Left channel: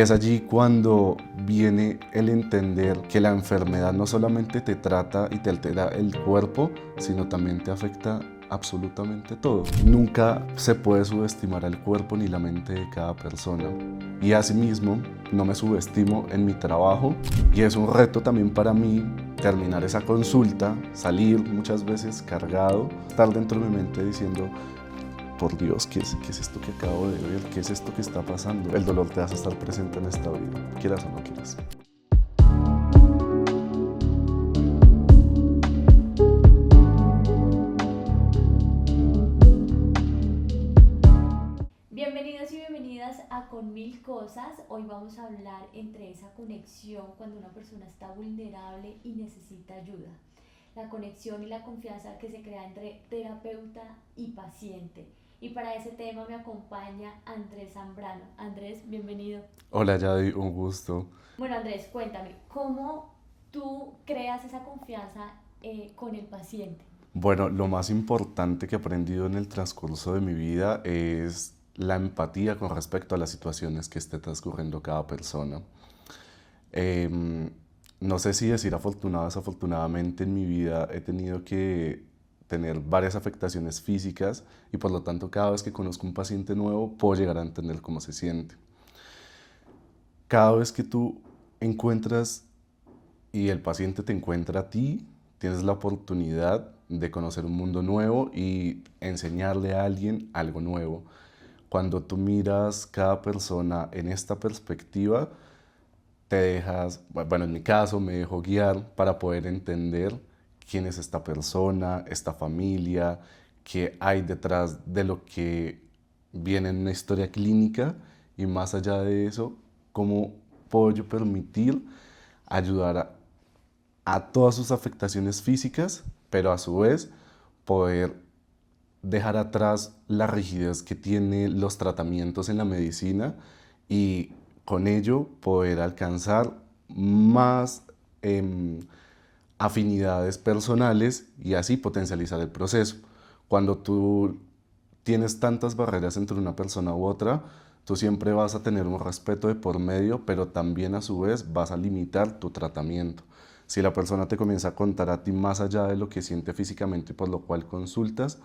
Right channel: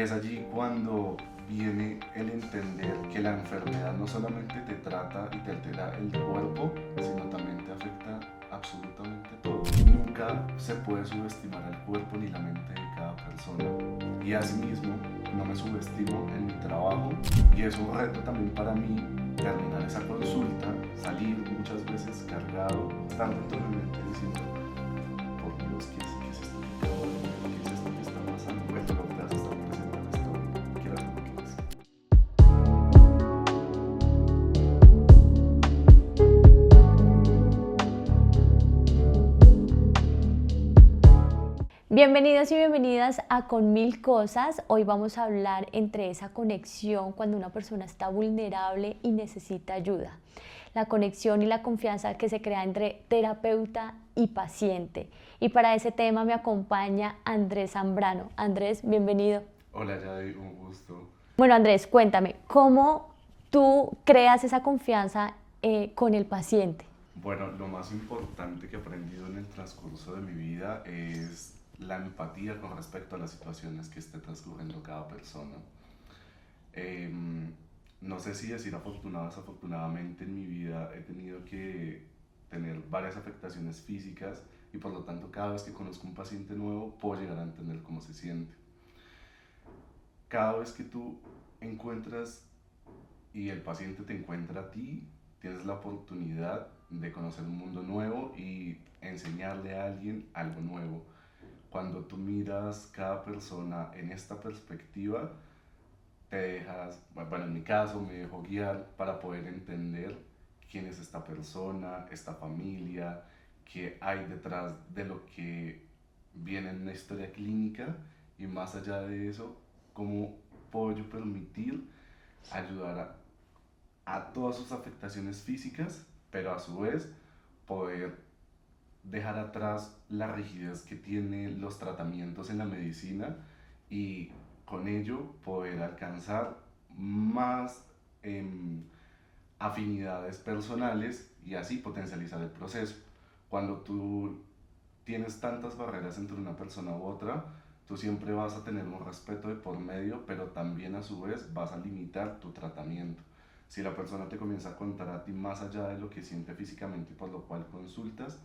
Es allí cuando viene el entender que la enfermedad no solamente te trata y te altera el cuerpo, sino también te afecta absolutamente todo. Nunca se puede subestimar el cuerpo ni la mente de cada persona. Y asimismo, no me subestimo en mi trabajo y es un reto también para mí terminar esa consulta, salir muchas veces cargado, estar dentro de mi mente diciendo: por Dios, ¿qué es esto que acabo de ver? ¿Qué es esto que está pasando? El dolor te hace estar presente en esta vida, quieras o no quieras. Bienvenidos y bienvenidas a Con Mil Cosas. Hoy vamos a hablar entre esa conexión cuando una persona está vulnerable y necesita ayuda. La conexión y la confianza que se crea entre terapeuta y paciente. Y para ese tema me acompaña Andrés Zambrano. Andrés, bienvenido. Hola Yadi, un gusto. Bueno, Andrés, cuéntame, ¿cómo tú creas esa confianza con el paciente? Bueno, lo más importante que he aprendido en el transcurso de mi vida es la empatía con respecto a las situaciones que esté transcurriendo cada persona. Em, no sé si decir afortunado o desafortunadamente en mi vida he tenido que tener varias afectaciones físicas y por lo tanto cada vez que conozco un paciente nuevo puedo llegar a entender cómo se siente. Cada vez que tú encuentras y el paciente te encuentra a ti, tienes la oportunidad de conocer un mundo nuevo y enseñarle a alguien algo nuevo. Cuando tú miras cada persona en esta perspectiva, te dejas, bueno, en mi caso me dejo guiar para poder entender quién es esta persona, esta familia, qué hay detrás de lo que viene en una historia clínica y más allá de eso, cómo puedo yo permitir ayudar a todas sus afectaciones físicas, pero a su vez poder dejar atrás la rigidez que tienen los tratamientos en la medicina y con ello poder alcanzar más afinidades personales y así potencializar el proceso. Cuando tú tienes tantas barreras entre una persona u otra, tú siempre vas a tener un respeto de por medio, pero también a su vez vas a limitar tu tratamiento. Si la persona te comienza a contar a ti más allá de lo que siente físicamente, por lo cual consultas,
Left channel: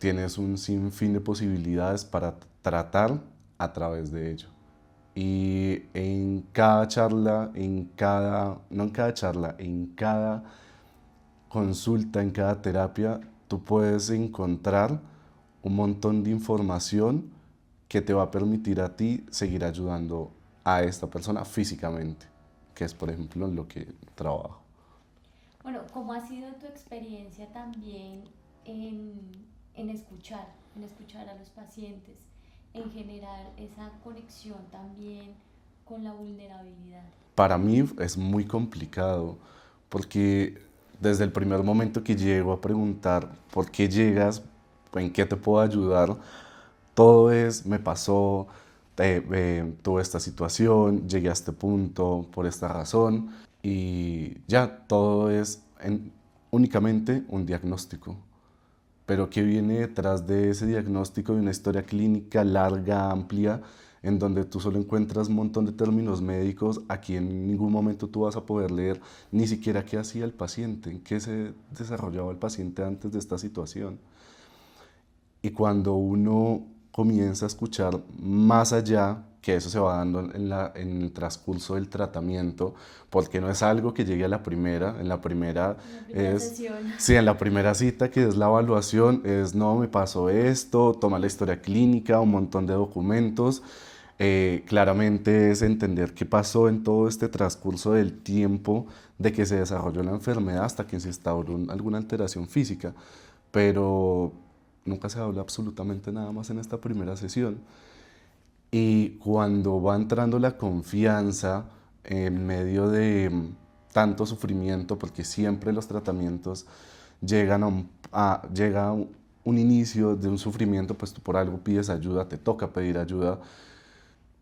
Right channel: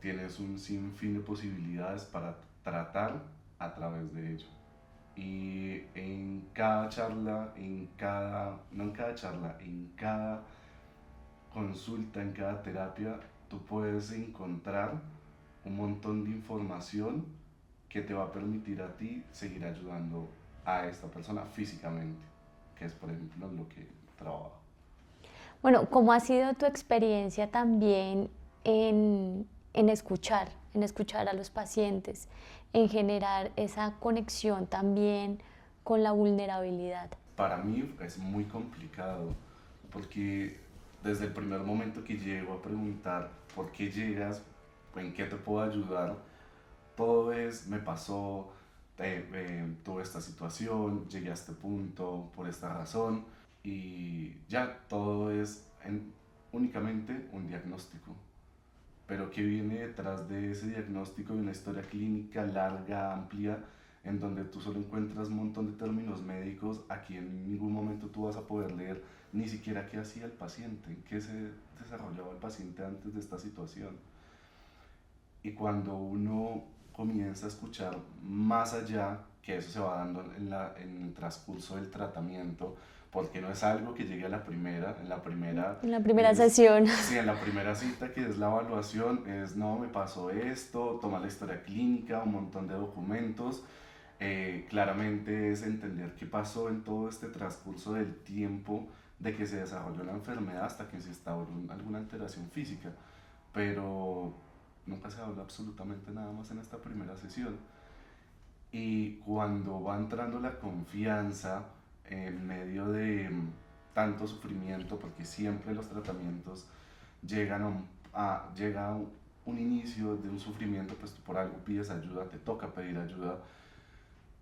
tienes un sinfín de posibilidades para tratar a través de ello. Y en cada charla, no en cada charla, en cada consulta, en cada terapia, tú puedes encontrar un montón de información que te va a permitir a ti seguir ayudando a esta persona físicamente, que es por ejemplo lo que trabajo. Bueno, ¿cómo ha sido tu experiencia también en, en escuchar a los pacientes, en generar esa conexión también con la vulnerabilidad? Para mí es muy complicado porque desde el primer momento que llego a preguntar por qué llegas, en qué te puedo ayudar, todo es: me pasó, tuve esta situación, llegué a este punto por esta razón y ya todo es únicamente un diagnóstico. Pero ¿qué viene detrás de ese diagnóstico? De una historia clínica larga, amplia, en donde tú solo encuentras un montón de términos médicos, aquí en ningún momento tú vas a poder leer ni siquiera qué hacía el paciente, en qué se desarrollaba el paciente antes de esta situación. Y cuando uno comienza a escuchar más allá, que eso se va dando en el transcurso del tratamiento, porque no es algo que llegue a la primera, en la primera En la primera es, sesión. sí, en la primera cita que es la evaluación, es: no, me pasó esto, toma la historia clínica, un montón de documentos, claramente es entender qué pasó en todo este transcurso del tiempo de que se desarrolló la enfermedad hasta que se instauró alguna alteración física, pero nunca se habla absolutamente nada más en esta primera sesión. Y cuando va entrando la confianza en medio de tanto sufrimiento, porque siempre los tratamientos llegan llega a un inicio de un sufrimiento, pues tú por algo pides ayuda, te toca pedir ayuda,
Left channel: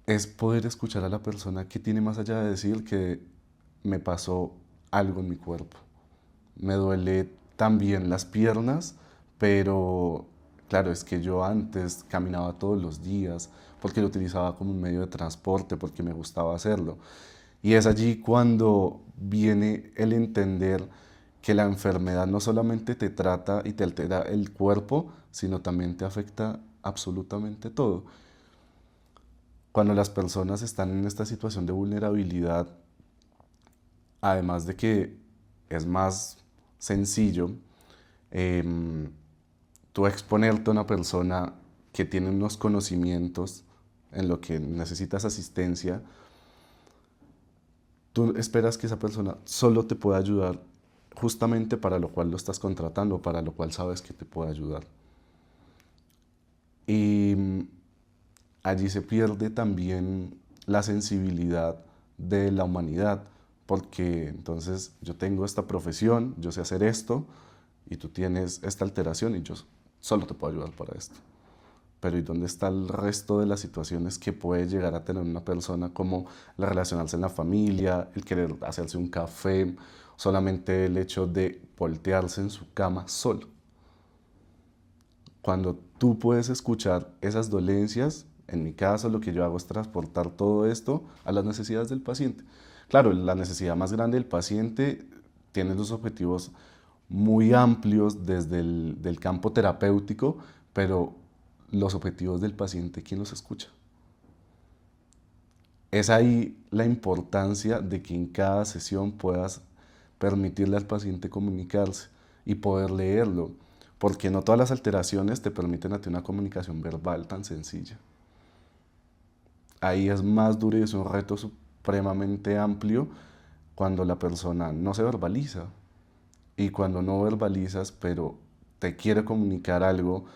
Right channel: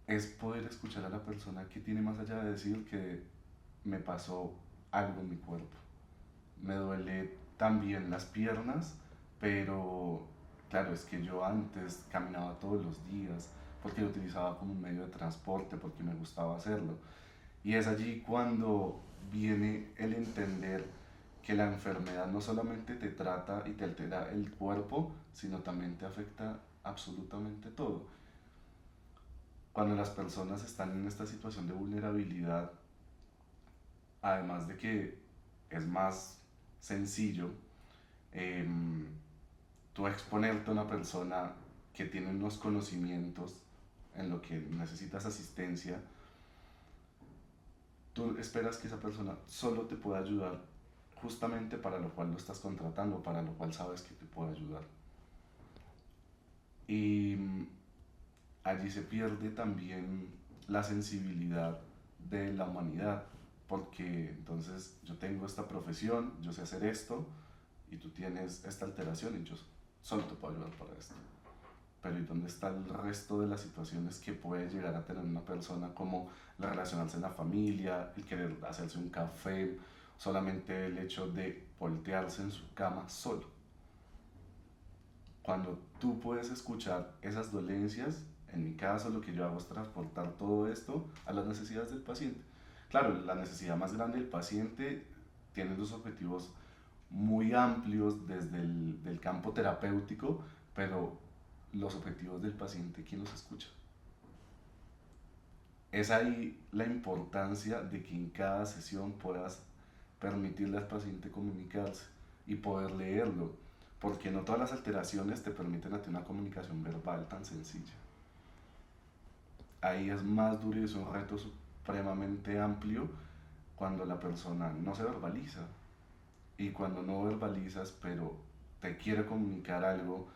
es poder escuchar a la persona que tiene más allá de decir que me pasó algo en mi cuerpo. Me duele también las piernas, pero claro, es que yo antes caminaba todos los días, porque lo utilizaba como un medio de transporte, porque me gustaba hacerlo. Y es allí cuando viene el entender que la enfermedad no solamente te trata y te altera el cuerpo, sino también te afecta absolutamente todo. Cuando las personas están en esta situación de vulnerabilidad, además de que es más sencillo, em, tú exponerte a una persona que tiene unos conocimientos en lo que necesitas asistencia, tú esperas que esa persona solo te pueda ayudar justamente para lo cual lo estás contratando, para lo cual sabes que te puede ayudar. Y allí se pierde también la sensibilidad de la humanidad, porque entonces yo tengo esta profesión, yo sé hacer esto, y tú tienes esta alteración y yo solo te puedo ayudar para esto. Pero ¿y dónde está el resto de las situaciones que puede llegar a tener una persona, como la relacionarse en la familia, el querer hacerse un café, solamente el hecho de voltearse en su cama solo? Cuando tú puedes escuchar esas dolencias, en mi caso lo que yo hago es transportar todo esto a las necesidades del paciente. Claro, la necesidad más grande del paciente tiene los objetivos muy amplios desde el del campo terapéutico, pero los objetivos del paciente, ¿quién los escucha? Es ahí la importancia de que en cada sesión puedas permitirle al paciente comunicarse y poder leerlo, porque no todas las alteraciones te permiten a ti una comunicación verbal tan sencilla. Ahí es más duro y es un reto supremamente amplio cuando la persona no se verbaliza. Y cuando no verbalizas, pero te quiere comunicar algo,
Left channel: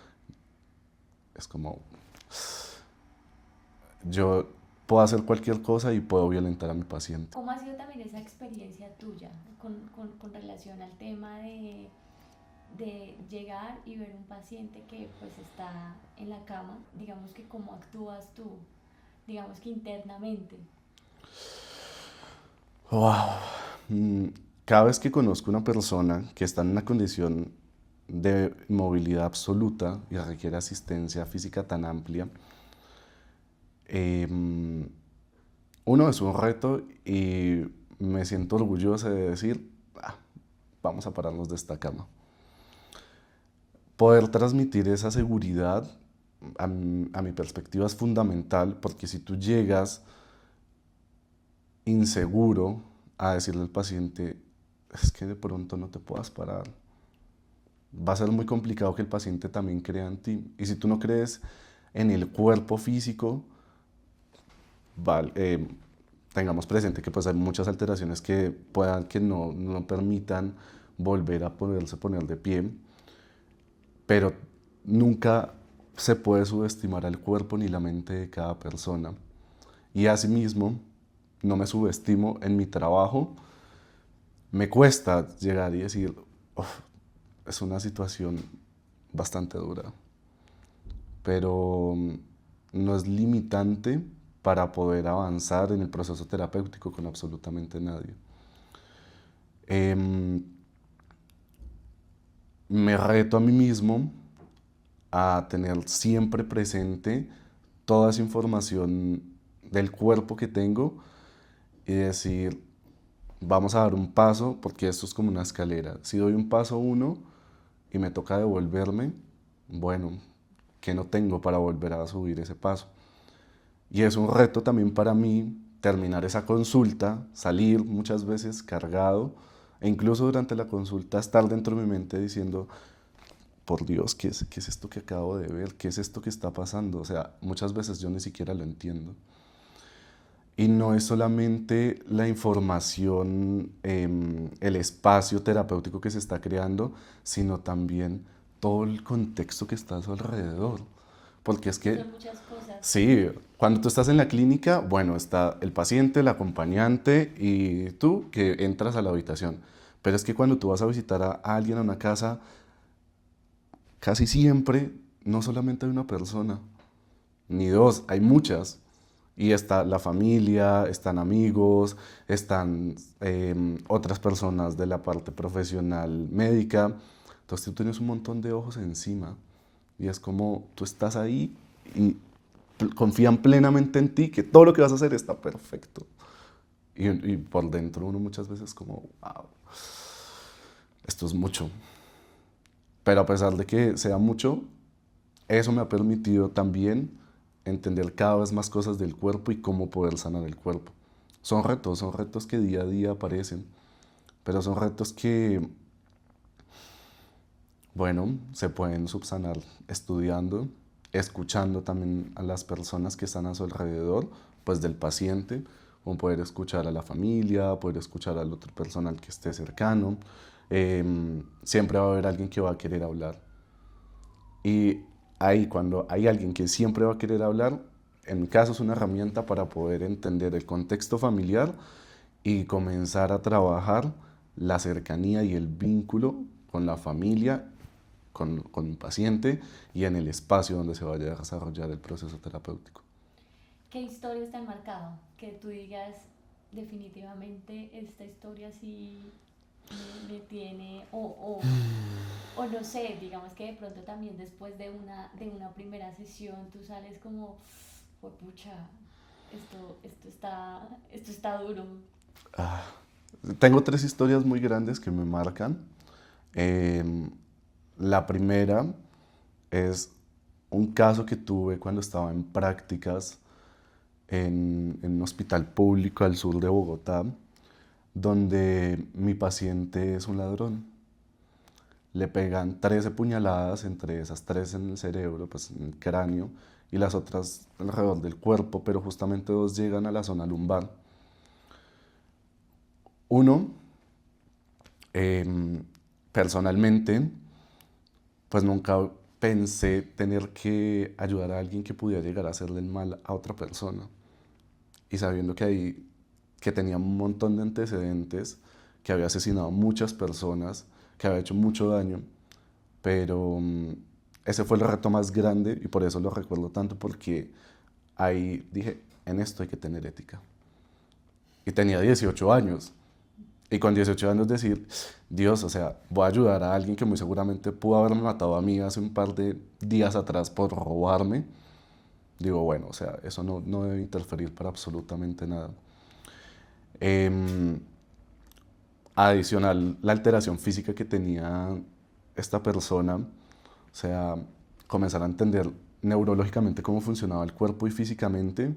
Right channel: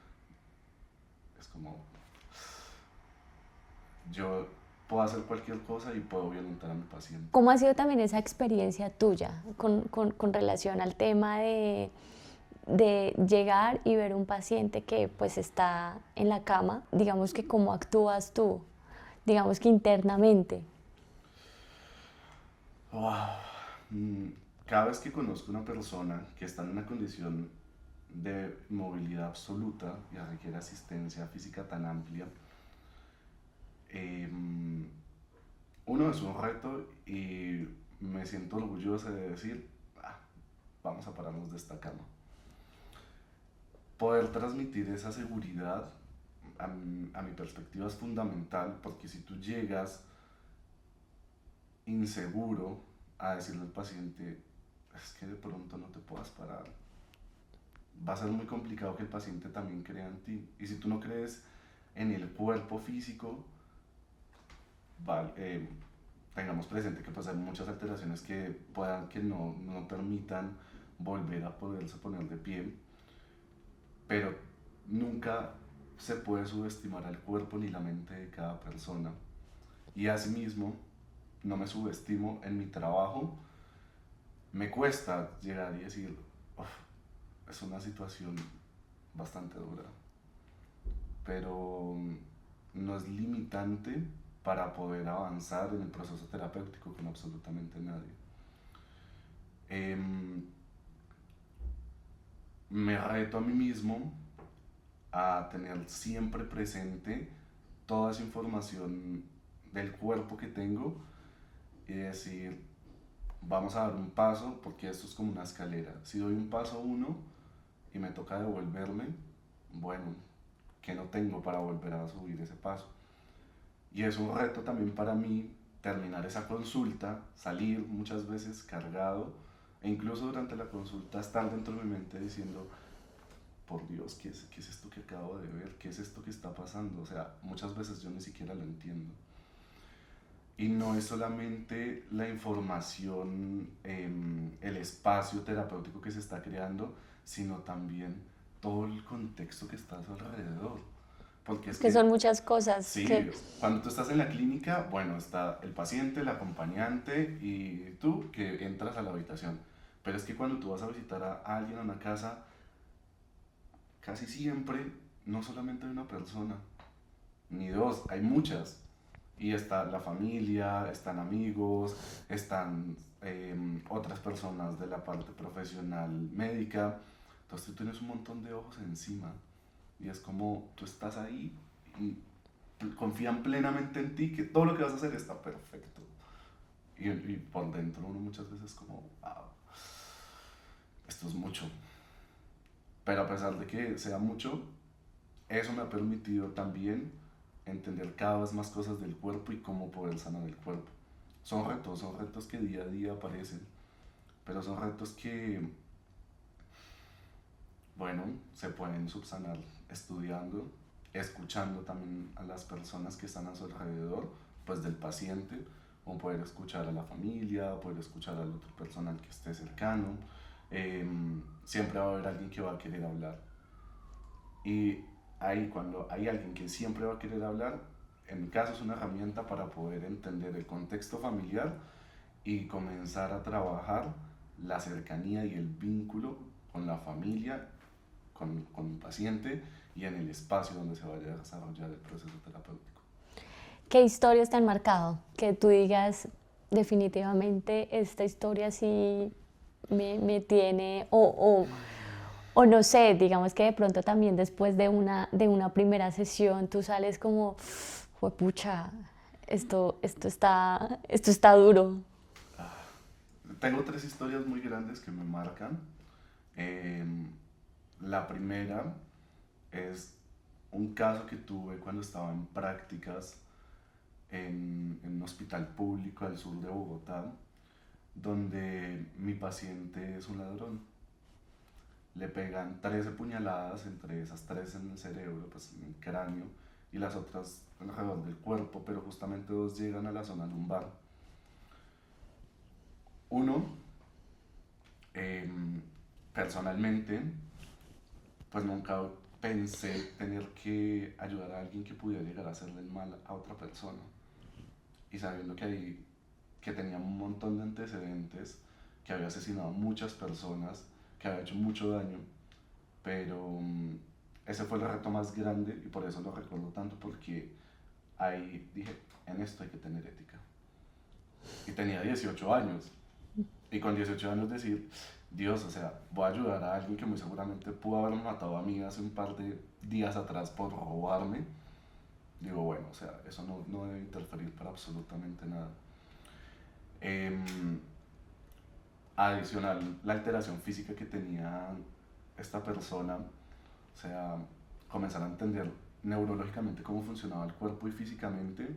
es como, yo puedo hacer cualquier cosa y puedo violentar a mi paciente. ¿Cómo ha sido también esa experiencia tuya con relación al tema de llegar y ver un paciente que pues está en la cama? Digamos que cómo actúas tú, digamos que internamente. Wow. Mm, Cada vez que conozco una persona que está en una condición de movilidad absoluta y requiere asistencia física tan amplia, em, uno es un reto y me siento orgulloso de decir, "Ah, vamos a pararnos de esta cama". Poder transmitir esa seguridad a mi perspectiva es fundamental, porque si tú llegas inseguro a decirle al paciente, es que de pronto no te puedas parar, va a ser muy complicado que el paciente también crea en ti. Y si tú no crees en el cuerpo físico, vale, tengamos presente que pues hay muchas alteraciones que puedan que no permitan volver a poner de pie, pero nunca se puede subestimar al cuerpo ni la mente de cada persona. Y asimismo, no me subestimo en mi trabajo. Me cuesta llegar y decir, "Uf, es una situación bastante dura", pero no es limitante para poder avanzar en el proceso terapéutico con absolutamente nadie. Em, Me reto a mí mismo a tener siempre presente toda esa información del cuerpo que tengo y decir, vamos a dar un paso, porque esto es como una escalera. Si doy un paso uno y me toca devolverme, bueno, ¿qué no tengo para volver a subir ese paso? Y es un reto también para mí terminar esa consulta, salir muchas veces cargado, e incluso durante la consulta estar dentro de mi mente diciendo, por Dios, qué es esto que acabo de ver? ¿Qué es esto que está pasando? O sea, muchas veces yo ni siquiera lo entiendo. Y no es solamente la información, el espacio terapéutico que se está creando, sino también todo el contexto que está a su alrededor. Porque es Que que, son muchas cosas sí, que cuando tú estás en la clínica, bueno, está el paciente, el acompañante y tú que entras a la habitación. Pero es que cuando tú vas a visitar a alguien a una casa, casi siempre no solamente hay una persona, ni dos, hay muchas. Y está la familia, están amigos, están otras personas de la parte profesional médica. Entonces tú tienes un montón de ojos encima. Y es como tú estás ahí y confían plenamente en ti, que todo lo que vas a hacer está perfecto. Y por dentro uno muchas veces como, wow, esto es mucho. Pero a pesar de que sea mucho, eso me ha permitido también entender cada vez más cosas del cuerpo y cómo poder sanar el cuerpo. Son retos que día a día aparecen, pero son retos que, bueno, se pueden subsanar estudiando, escuchando también a las personas que están a su alrededor, pues del paciente, o poder escuchar a la familia, poder escuchar al otro personal que esté cercano. Siempre va a haber alguien que va a querer hablar. Y ahí, cuando hay alguien que siempre va a querer hablar, en mi caso es una herramienta para poder entender el contexto familiar y comenzar a trabajar la cercanía y el vínculo con la familia, con un paciente y en el espacio donde se vaya a desarrollar el proceso terapéutico. ¿Qué historias te han marcado? Que tú digas, definitivamente esta historia sí me tiene, o no sé, digamos que de pronto también después de una primera sesión tú sales como, pucha, esto está duro. Ah, tengo tres historias muy grandes que me marcan. Em, la primera es un caso que tuve cuando estaba en prácticas en un hospital público al sur de Bogotá, donde mi paciente es un ladrón. Le pegan 13 puñaladas, entre esas tres en el cerebro, pues en el cráneo, y las otras alrededor del cuerpo, pero justamente dos llegan a la zona lumbar. Uno, eh, personalmente, pues nunca pensé tener que ayudar a alguien que pudiera llegar a hacerle el mal a otra persona. Y sabiendo que ahí, que tenía un montón de antecedentes, que había asesinado a muchas personas, que había hecho mucho daño, pero ese fue el reto más grande y por eso lo recuerdo tanto, porque ahí dije, en esto hay que tener ética. Y tenía 18 años. Y con 18 años decir, Dios, o sea, voy a ayudar a alguien que muy seguramente pudo haberme matado a mí hace un par de días atrás por robarme. Digo, bueno, o sea, eso no debe interferir para absolutamente nada. Em, Adicional, la alteración física que tenía esta persona, o sea, comenzar a entender neurológicamente cómo funcionaba el cuerpo y físicamente,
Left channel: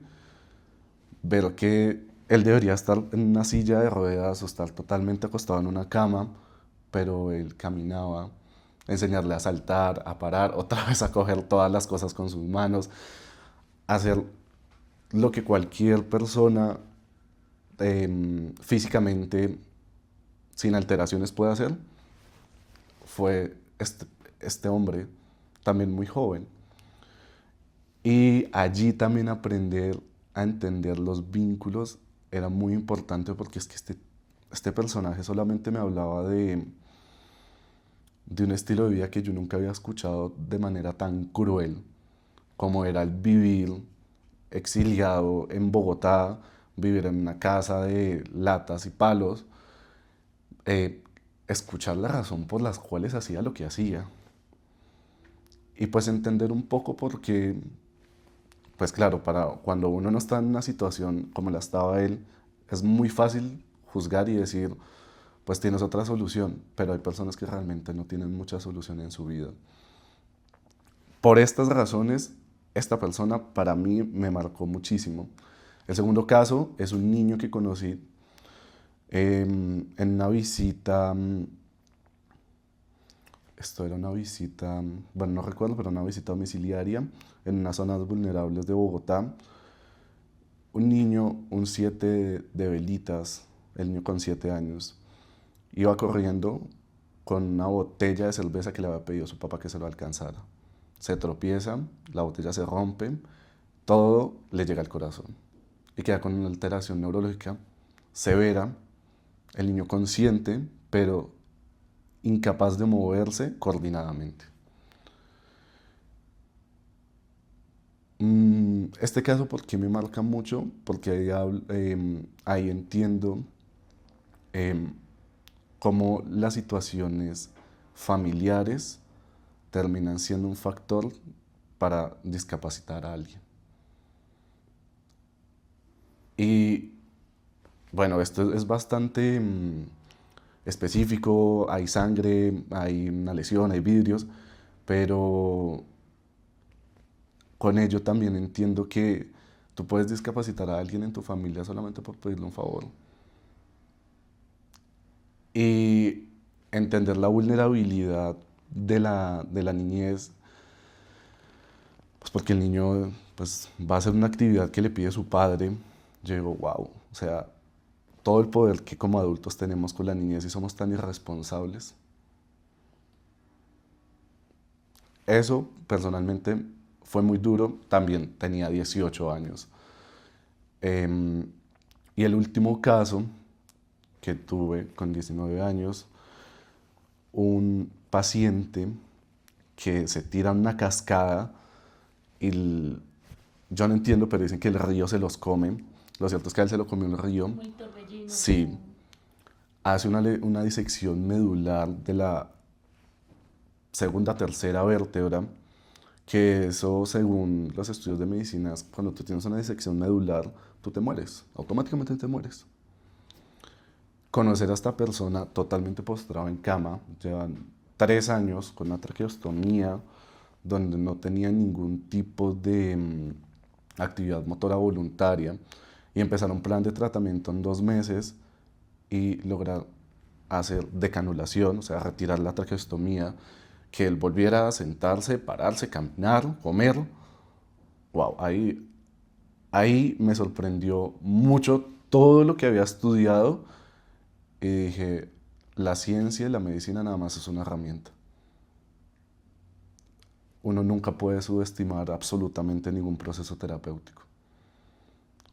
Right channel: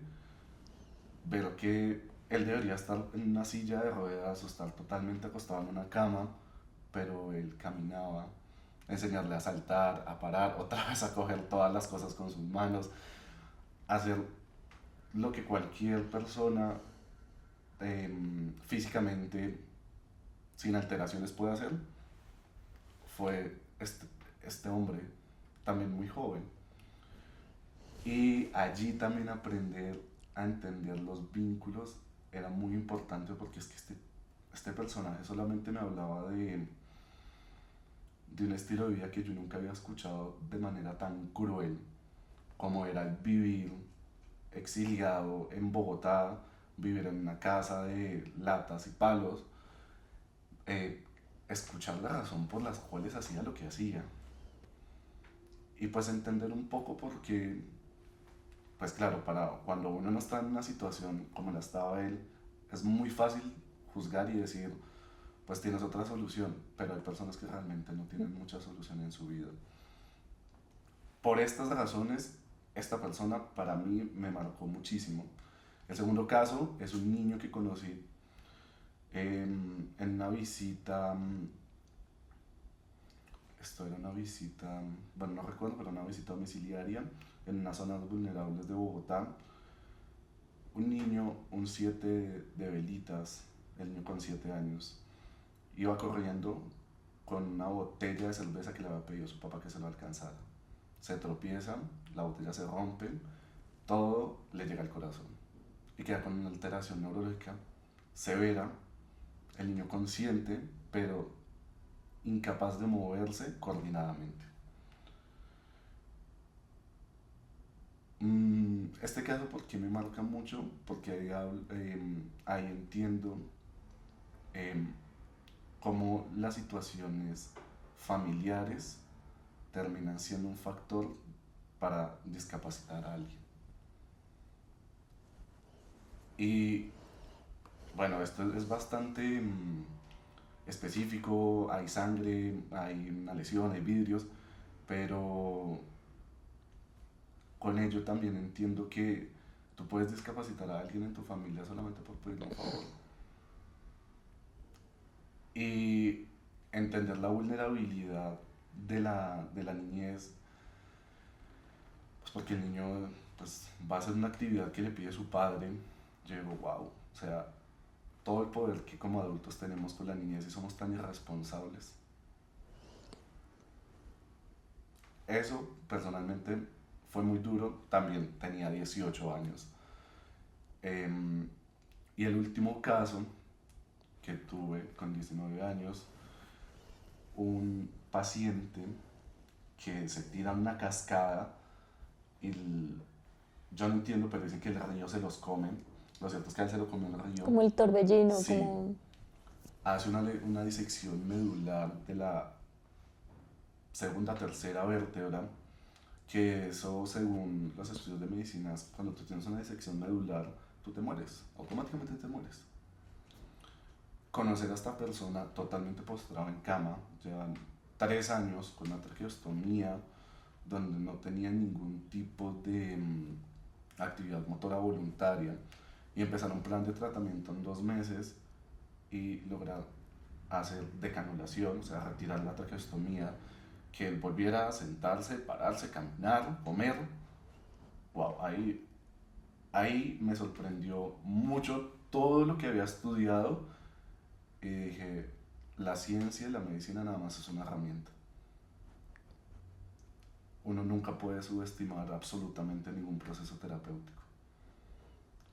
ver que él debería estar en una silla de ruedas o estar totalmente acostado en una cama, pero él caminaba, enseñarle a saltar, a parar, otra vez a coger todas las cosas con sus manos, hacer lo que cualquier persona físicamente sin alteraciones puede hacer, fue este hombre también muy joven. Y allí también aprender a entender los vínculos era muy importante, porque es que este personaje solamente me hablaba de un estilo de vida que yo nunca había escuchado de manera tan cruel, como era el vivir exiliado en Bogotá, vivir en una casa de latas y palos, eh, escuchar la razón por las cuales hacía lo que hacía. Y pues entender un poco por qué, pues claro, para cuando uno no está en una situación como la estaba él, es muy fácil juzgar y decir, pues tienes otra solución, pero hay personas que realmente no tienen mucha solución en su vida. Por estas razones, esta persona para mí me marcó muchísimo. El segundo caso es un niño que conocí en una visita, esto era una visita, bueno, no recuerdo, pero una visita domiciliaria en unas zonas vulnerables de Bogotá. Un niño, un 7 de velitas, el niño con 7 años, iba corriendo con una botella de cerveza que le había pedido su papá que se lo alcanzara. Se tropieza, la botella se rompe, todo le llega al corazón y queda con una alteración neurológica severa, el niño consciente, pero incapaz de moverse coordinadamente. Este caso, ¿por qué me marca mucho? Porque ahí entiendo em, cómo las situaciones familiares terminan siendo un factor para discapacitar a alguien. Y bueno, esto es bastante específico, hay sangre, hay una lesión, hay vidrios, pero con ello también entiendo que tú puedes discapacitar a alguien en tu familia solamente por pedirle un favor. Y entender la vulnerabilidad de la niñez, pues porque el niño pues, va a hacer una actividad que le pide su padre. Yo digo, wow, o sea, todo el poder que como adultos tenemos con la niñez y somos tan irresponsables. Eso personalmente fue muy duro, también tenía 18 años. Em, y el último caso que tuve con 19 años, un paciente que se tira en una cascada y yo no entiendo, pero dicen que el río se los come. Lo cierto es que a él se lo comió un río. Como el torbellino, Sí, como... hace una disección medular de la segunda, tercera vértebra, que eso, según los estudios de medicina, cuando tú tienes una disección medular, tú te mueres, automáticamente te mueres. Conocer a esta persona totalmente postrada en cama, llevan 3 años con una traqueostomía, donde no tenía ningún tipo de actividad motora voluntaria, y empezar un plan de tratamiento en 2 meses y lograr hacer decanulación, o sea, retirar la traqueostomía, que él volviera a sentarse, pararse, caminar, comer. Wow, ahí me sorprendió mucho todo lo que había estudiado y dije, la ciencia y la medicina nada más es una herramienta. Uno nunca puede subestimar absolutamente ningún proceso terapéutico.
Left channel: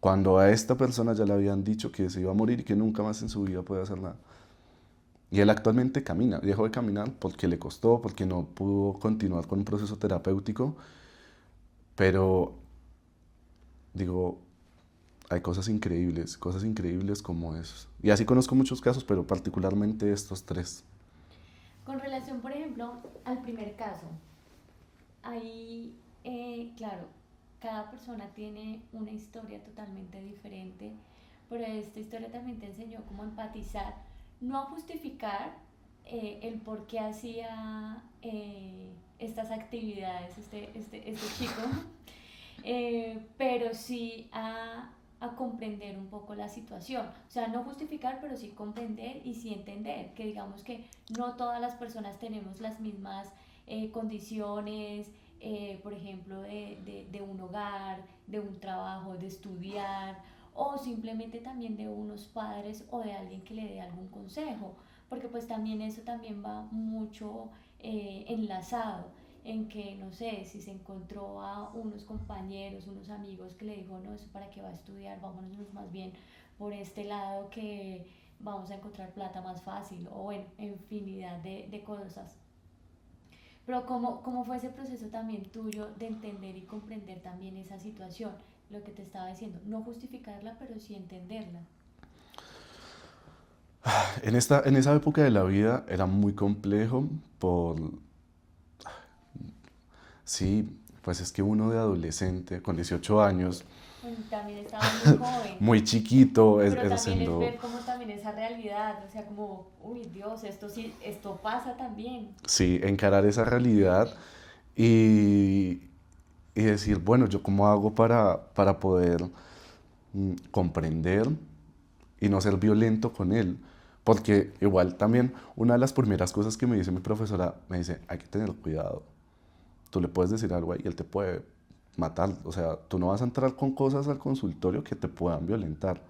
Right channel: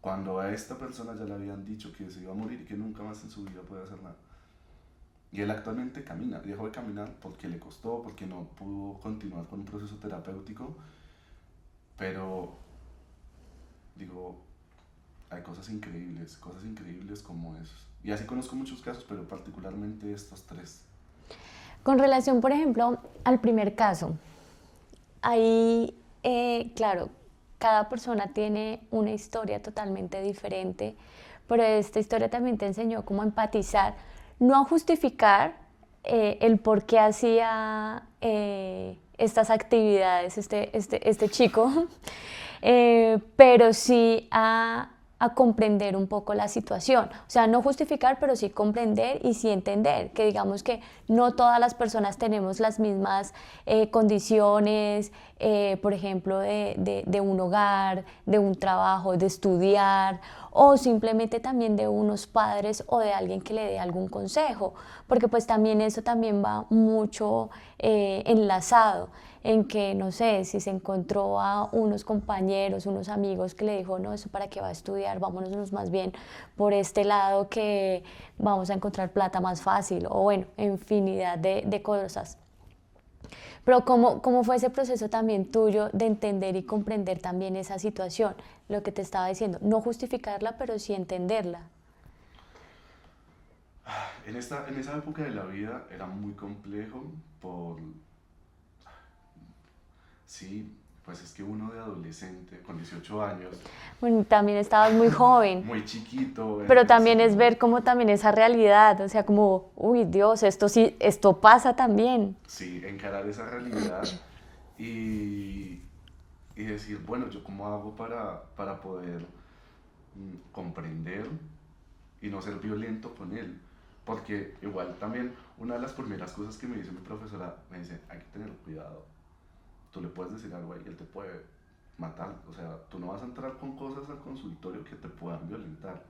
Cuando a esta persona ya le habían dicho que se iba a morir y que nunca más en su vida puede hacer nada. Y él actualmente camina, dejó de caminar porque le costó, porque no pudo continuar con un proceso terapéutico, pero digo, hay cosas increíbles como esos. Y así conozco muchos casos, pero particularmente estos tres. Con relación, por ejemplo, al primer caso, ahí, claro, cada persona tiene una historia totalmente diferente, pero esta historia también te enseñó cómo empatizar, no a justificar el por qué hacía estas actividades este chico, pero sí a comprender un poco la situación. O sea, no justificar, pero sí comprender y sí entender que digamos que no todas las personas tenemos las mismas condiciones, por ejemplo, de un hogar, de un trabajo, de estudiar o simplemente también de unos padres o de alguien que le dé algún consejo, porque pues también eso también va mucho enlazado en que, no sé, si se encontró a unos compañeros, unos amigos que le dijo, no, eso para qué va a estudiar, vámonos más bien por este lado que vamos a encontrar plata más fácil, o bueno, infinidad de cosas. Pero ¿cómo fue ese proceso también tuyo de entender y comprender también esa situación? Lo que te estaba diciendo, no justificarla, pero sí entenderla. En esa época de la vida era muy complejo sí, pues es que uno de adolescente con 18 años, Bueno, también estabas muy joven, muy chiquito, pero es también es siendo, ver cómo también esa realidad, o sea, como, uy, Dios, esto sí, esto pasa también. sí, encarar esa realidad y, y decir, bueno, ¿yo cómo hago para poder comprender y no ser violento con él? Porque igual también una de las primeras cosas que me dice mi profesora, me dice, hay que tener cuidado. Tú le puedes decir algo ahí y él te puede matar. O sea, tú no vas a entrar con cosas al consultorio que te puedan violentar.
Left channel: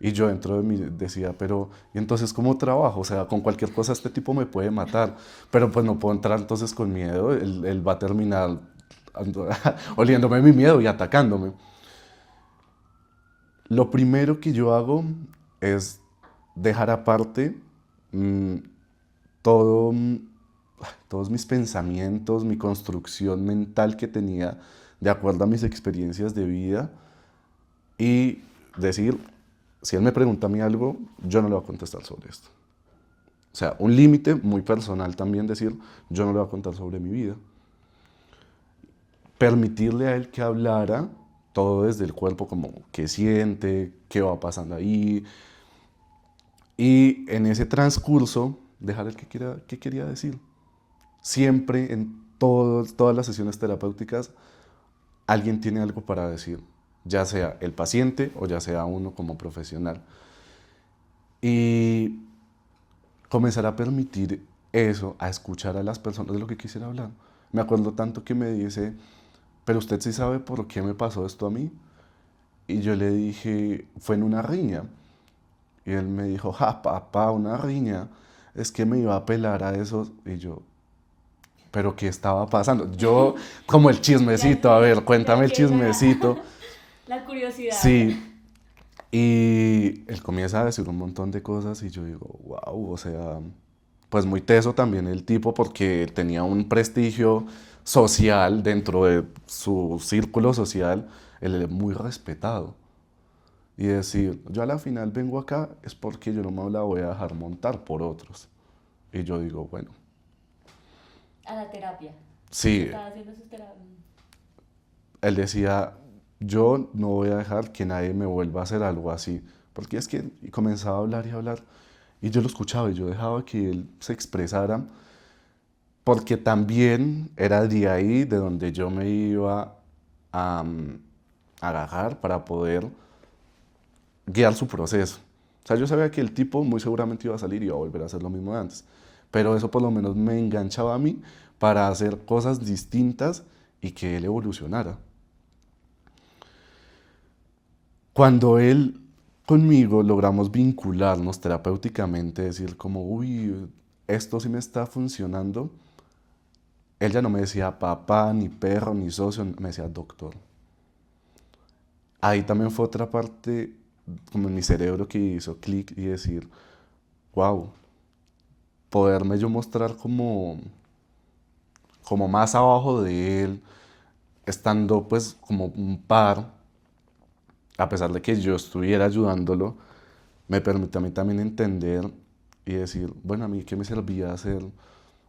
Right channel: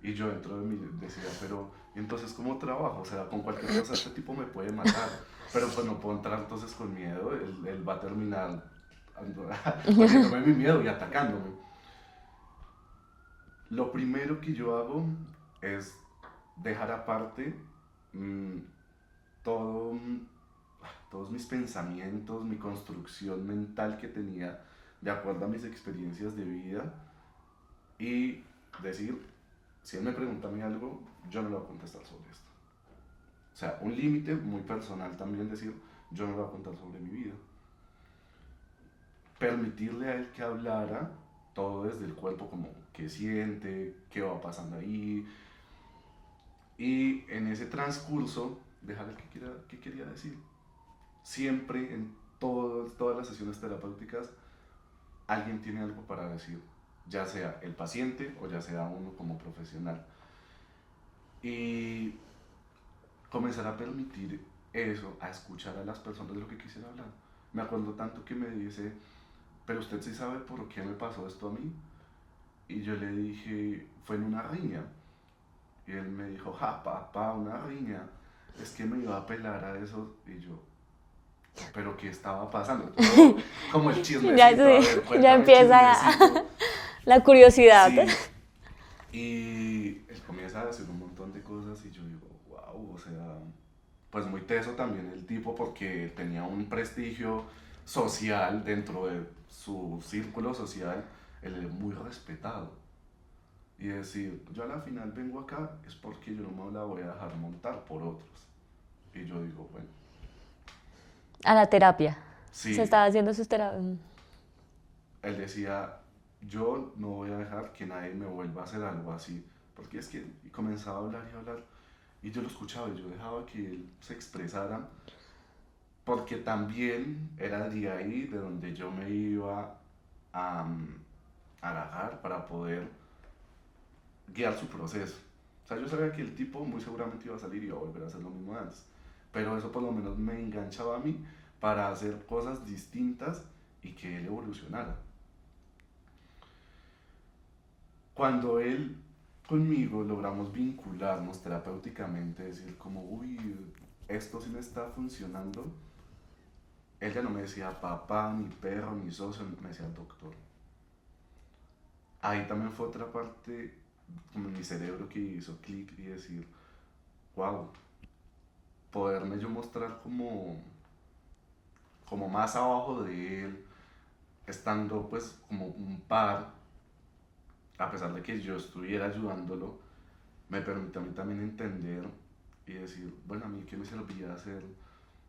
Y yo dentro de mí decía, pero ¿y entonces cómo trabajo? O sea, con cualquier cosa este tipo me puede matar. Pero pues no puedo entrar entonces con miedo. Él va a terminar oliéndome mi miedo y atacándome. Lo primero que yo hago es dejar aparte mm, todo, todos mis pensamientos, mi construcción mental que tenía de acuerdo a mis experiencias de vida y decir, si él me pregunta a mí algo, yo no le voy a contestar sobre esto. O sea, un límite muy personal también decir, yo no le voy a contar sobre mi vida. Permitirle a él que hablara todo desde el cuerpo, como qué siente, qué va pasando ahí. Y en ese transcurso, dejar el que quería decir. Siempre en todas las sesiones terapéuticas, alguien tiene algo para decir, ya sea el paciente o ya sea uno como profesional. Y comenzar a permitir eso, a escuchar a las personas de lo que quisiera hablar. Me acuerdo tanto que me dice, pero usted sí sabe por qué me pasó esto a mí. Y yo le dije, fue en una riña. Y él me dijo, ja, papá, una riña. Es que me iba a pelar a esos. Y yo, pero ¿qué estaba pasando? Yo, como el Ya chismecito, a sé, ver, ya cuéntame el empieza chismecito. la curiosidad. Sí, y él comienza a decir un montón de cosas y yo digo, wow, o sea, pues muy teso también el tipo porque tenía un prestigio social dentro de su círculo social, él es muy respetado. Y decir, yo a la final vengo acá es porque yo no me la voy a dejar montar por otros. Y yo digo, bueno, A la terapia. Se sí, estaba haciendo sus terapias. él decía, yo no voy a dejar que nadie me vuelva a hacer algo así. Porque es que y comenzaba a hablar y a hablar. Y yo lo escuchaba y yo dejaba que él se expresara. Porque también era de ahí de donde yo me iba a agarrar para poder guiar su proceso. O sea, yo sabía que el tipo muy seguramente iba a salir y iba a volver a hacer lo mismo de antes. Pero eso por lo menos me enganchaba a mí para hacer cosas distintas y que él evolucionara. Cuando él conmigo logramos vincularnos terapéuticamente, decir como, uy, esto sí me está funcionando, él ya no me decía papá, ni perro, ni socio, me decía doctor. Ahí también fue otra parte como en mi cerebro que hizo clic y decir, wow, poderme yo mostrar como más abajo de él, estando pues como un par, a pesar de que yo estuviera ayudándolo, me permite a mí también entender y decir, bueno, a mí qué me servía ser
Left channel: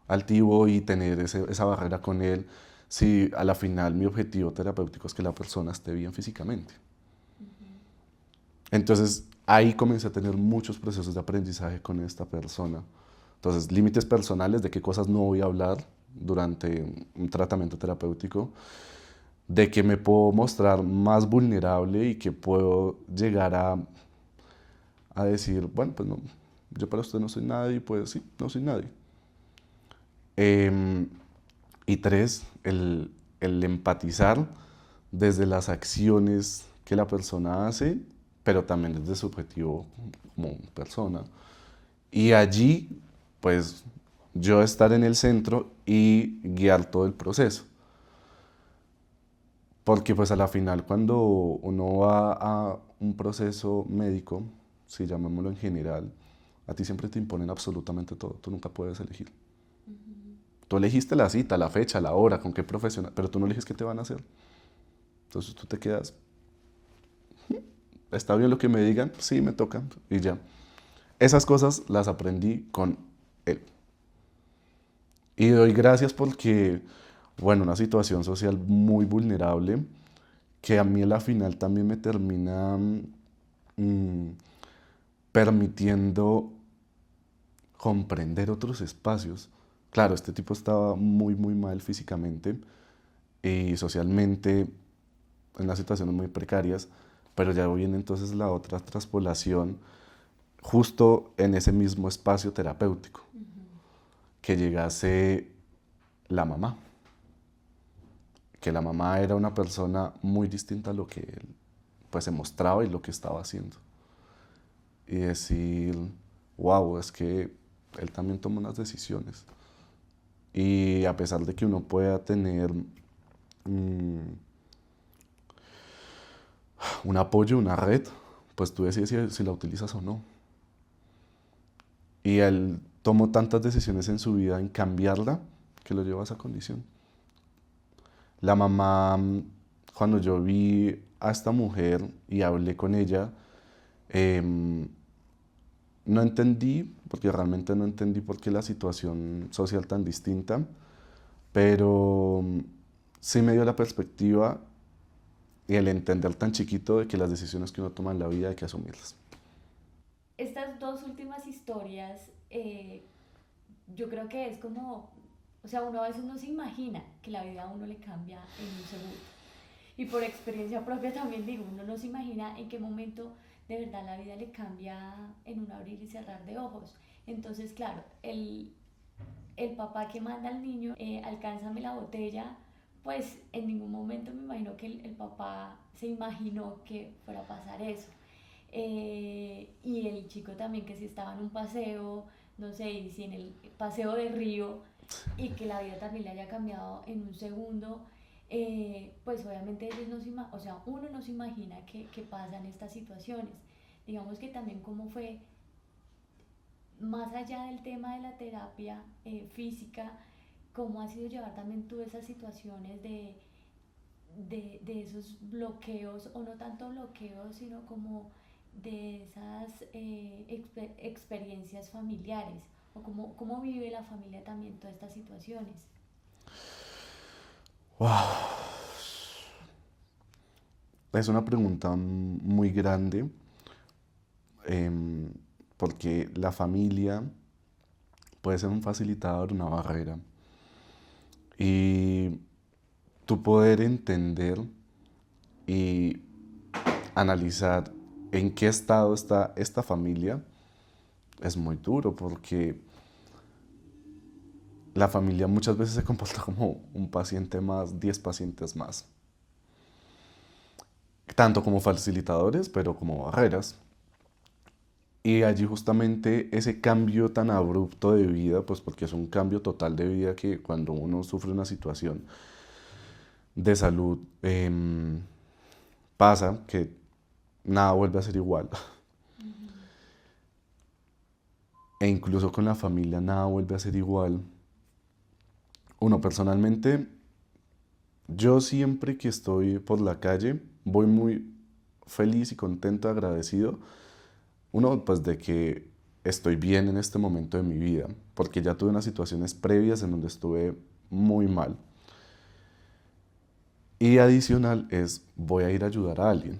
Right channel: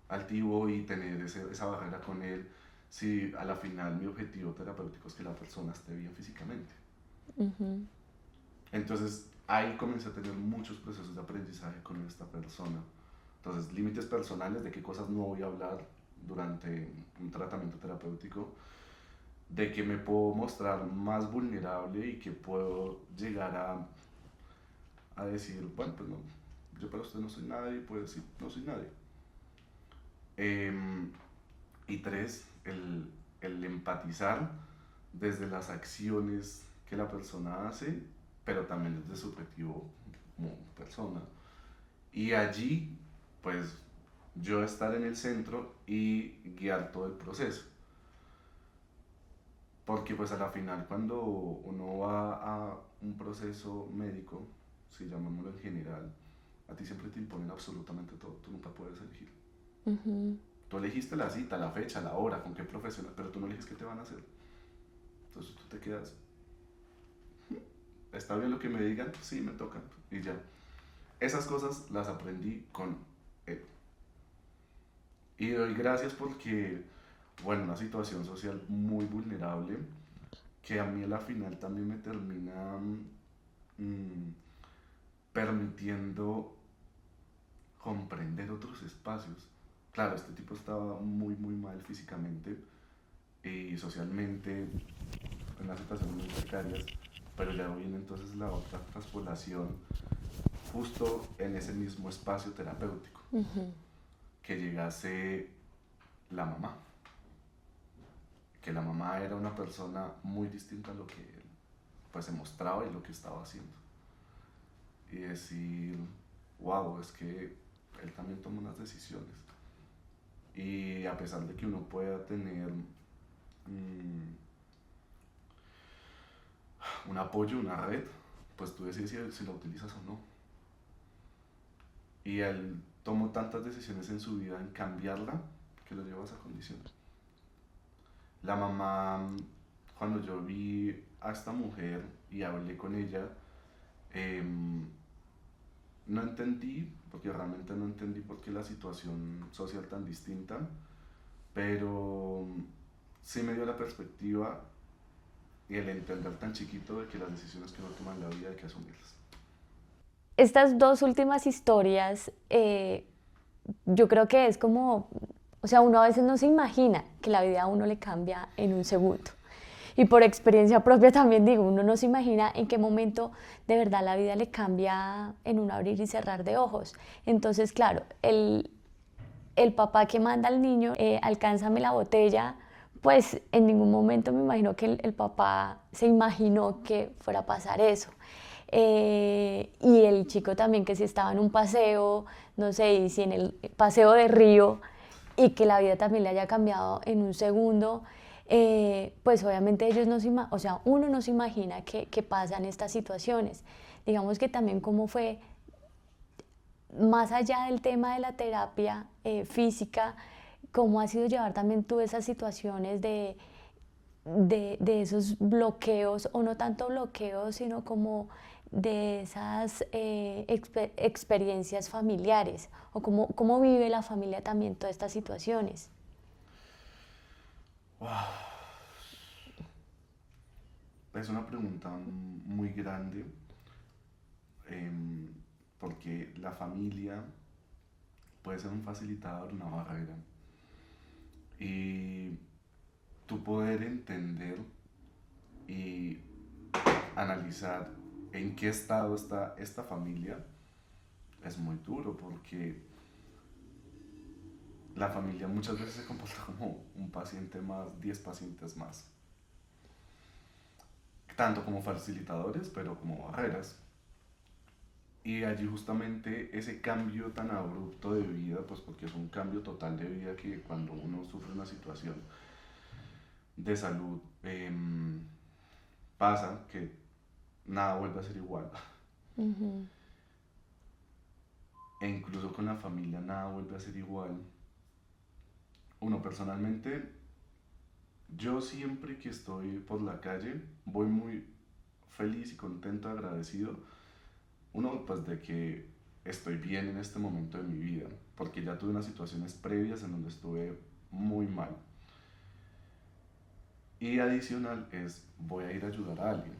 altivo y tener esa barrera con él si a la final mi objetivo terapéutico es que la persona esté bien físicamente. Entonces ahí comencé a tener muchos procesos de aprendizaje con esta persona. Entonces, límites personales de qué cosas no voy a hablar durante un tratamiento terapéutico, de que me puedo mostrar más vulnerable y que puedo llegar a decir, bueno, pues no, yo para usted no soy nadie, pues sí, no soy nadie. Em, y tres, el empatizar desde las acciones que la persona hace, pero también desde su objetivo como persona. Y allí, pues, yo estar en el centro y guiar todo el proceso. Porque pues a la final cuando uno va a un proceso médico, si llamémoslo en general, a ti siempre te imponen absolutamente todo, tú nunca puedes elegir. Tú elegiste la cita, la fecha, la hora, con qué profesional, pero tú no eliges qué te van a hacer. Entonces tú te quedas, está bien lo que me digan, sí, me tocan y ya. Esas cosas las aprendí con él. Y doy gracias porque, bueno, una situación social muy vulnerable que a mí a la final también me termina mm, permitiendo comprender otros espacios. Claro, este tipo estaba muy, muy mal físicamente y socialmente en unas situaciones muy precarias, pero ya viene entonces la otra traspolación justo en ese mismo espacio terapéutico, que llegase la mamá, que la mamá era una persona muy distinta a lo que él pues se mostraba y lo que estaba haciendo. Y decir, wow, es que él también toma unas decisiones. Y a pesar de que uno pueda tener un apoyo, una red, pues tú decides si la utilizas o no. Y él tomó tantas decisiones en su vida en cambiarla que lo llevó a esa condición. La mamá, cuando yo vi a esta mujer y hablé con ella, em, no entendí, porque realmente no entendí por qué la situación social tan distinta, pero sí me dio la perspectiva y el entender tan chiquito de que las decisiones que uno toma en la vida hay que asumirlas. Estas dos últimas historias, yo creo que es como, o sea, uno a veces no se imagina que la vida a uno le cambia en un segundo. Y por experiencia propia también digo, uno no se imagina en qué momento de verdad la vida le cambia en un abrir y cerrar de ojos. Entonces, claro, el papá que manda al niño, alcánzame la botella, pues en ningún momento me imagino que el papá se imaginó que fuera a pasar eso. Y el chico también que si estaba en un paseo, no sé, y si en el paseo de río, y que la vida también le haya cambiado en un segundo, pues obviamente ellos no se o sea, uno no se imagina que pasan estas situaciones. Digamos que también cómo fue, más allá del tema de la terapia física, cómo ha sido llevar también tú esas situaciones de esos bloqueos, o no tanto bloqueos, sino como de esas experiencias familiares, o cómo vive la familia también todas estas situaciones. Wow. Es una pregunta muy grande, em, porque la familia puede ser un facilitador, una barrera. Y tu poder entender y analizar en qué estado está esta familia es muy duro, porque la familia muchas veces se comporta como un paciente más, 10 pacientes más, tanto como facilitadores, pero como barreras. Y allí justamente ese cambio tan abrupto de vida, pues porque es un cambio total de vida, que cuando uno sufre una situación de salud, pasa que nada vuelve a ser igual. Ujú. E incluso con la familia nada vuelve a ser igual. Uno personalmente, yo siempre que estoy por la calle, voy muy feliz y contento, agradecido. Uno, pues de que estoy bien en este momento de mi vida, porque ya tuve unas situaciones previas en donde estuve muy mal. Y adicional es, voy a ir a ayudar a alguien.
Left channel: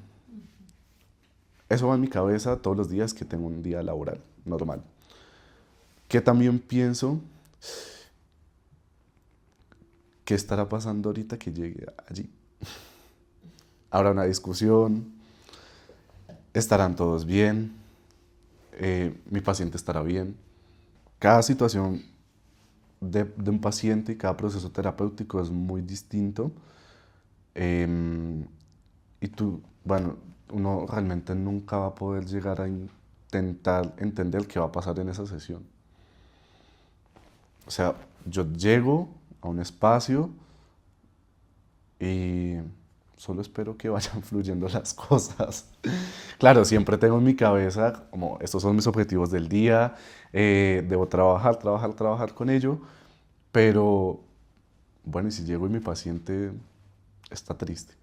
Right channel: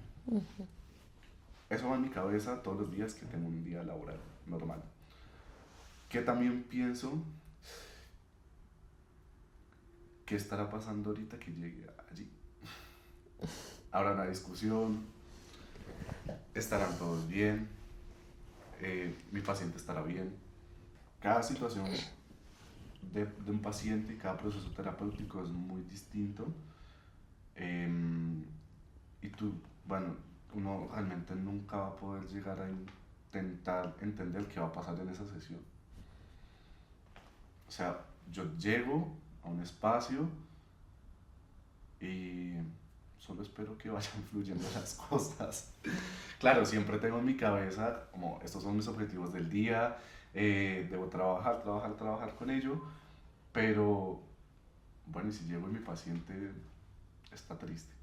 Eso va en mi cabeza todos los días que tengo un día laboral normal. Que también pienso, ¿qué estará pasando ahorita que llegue allí? Habrá una discusión, estarán todos bien, mi paciente estará bien. Cada situación de un paciente y cada proceso terapéutico es muy distinto. Y tú, bueno, uno realmente nunca va a poder llegar a intentar entender qué va a pasar en esa sesión. O sea, yo llego a un espacio y solo espero que vayan fluyendo las cosas. Claro, siempre tengo en mi cabeza como estos son mis objetivos del día, debo trabajar, trabajar, trabajar con ello, pero bueno, y si llego y mi paciente está triste.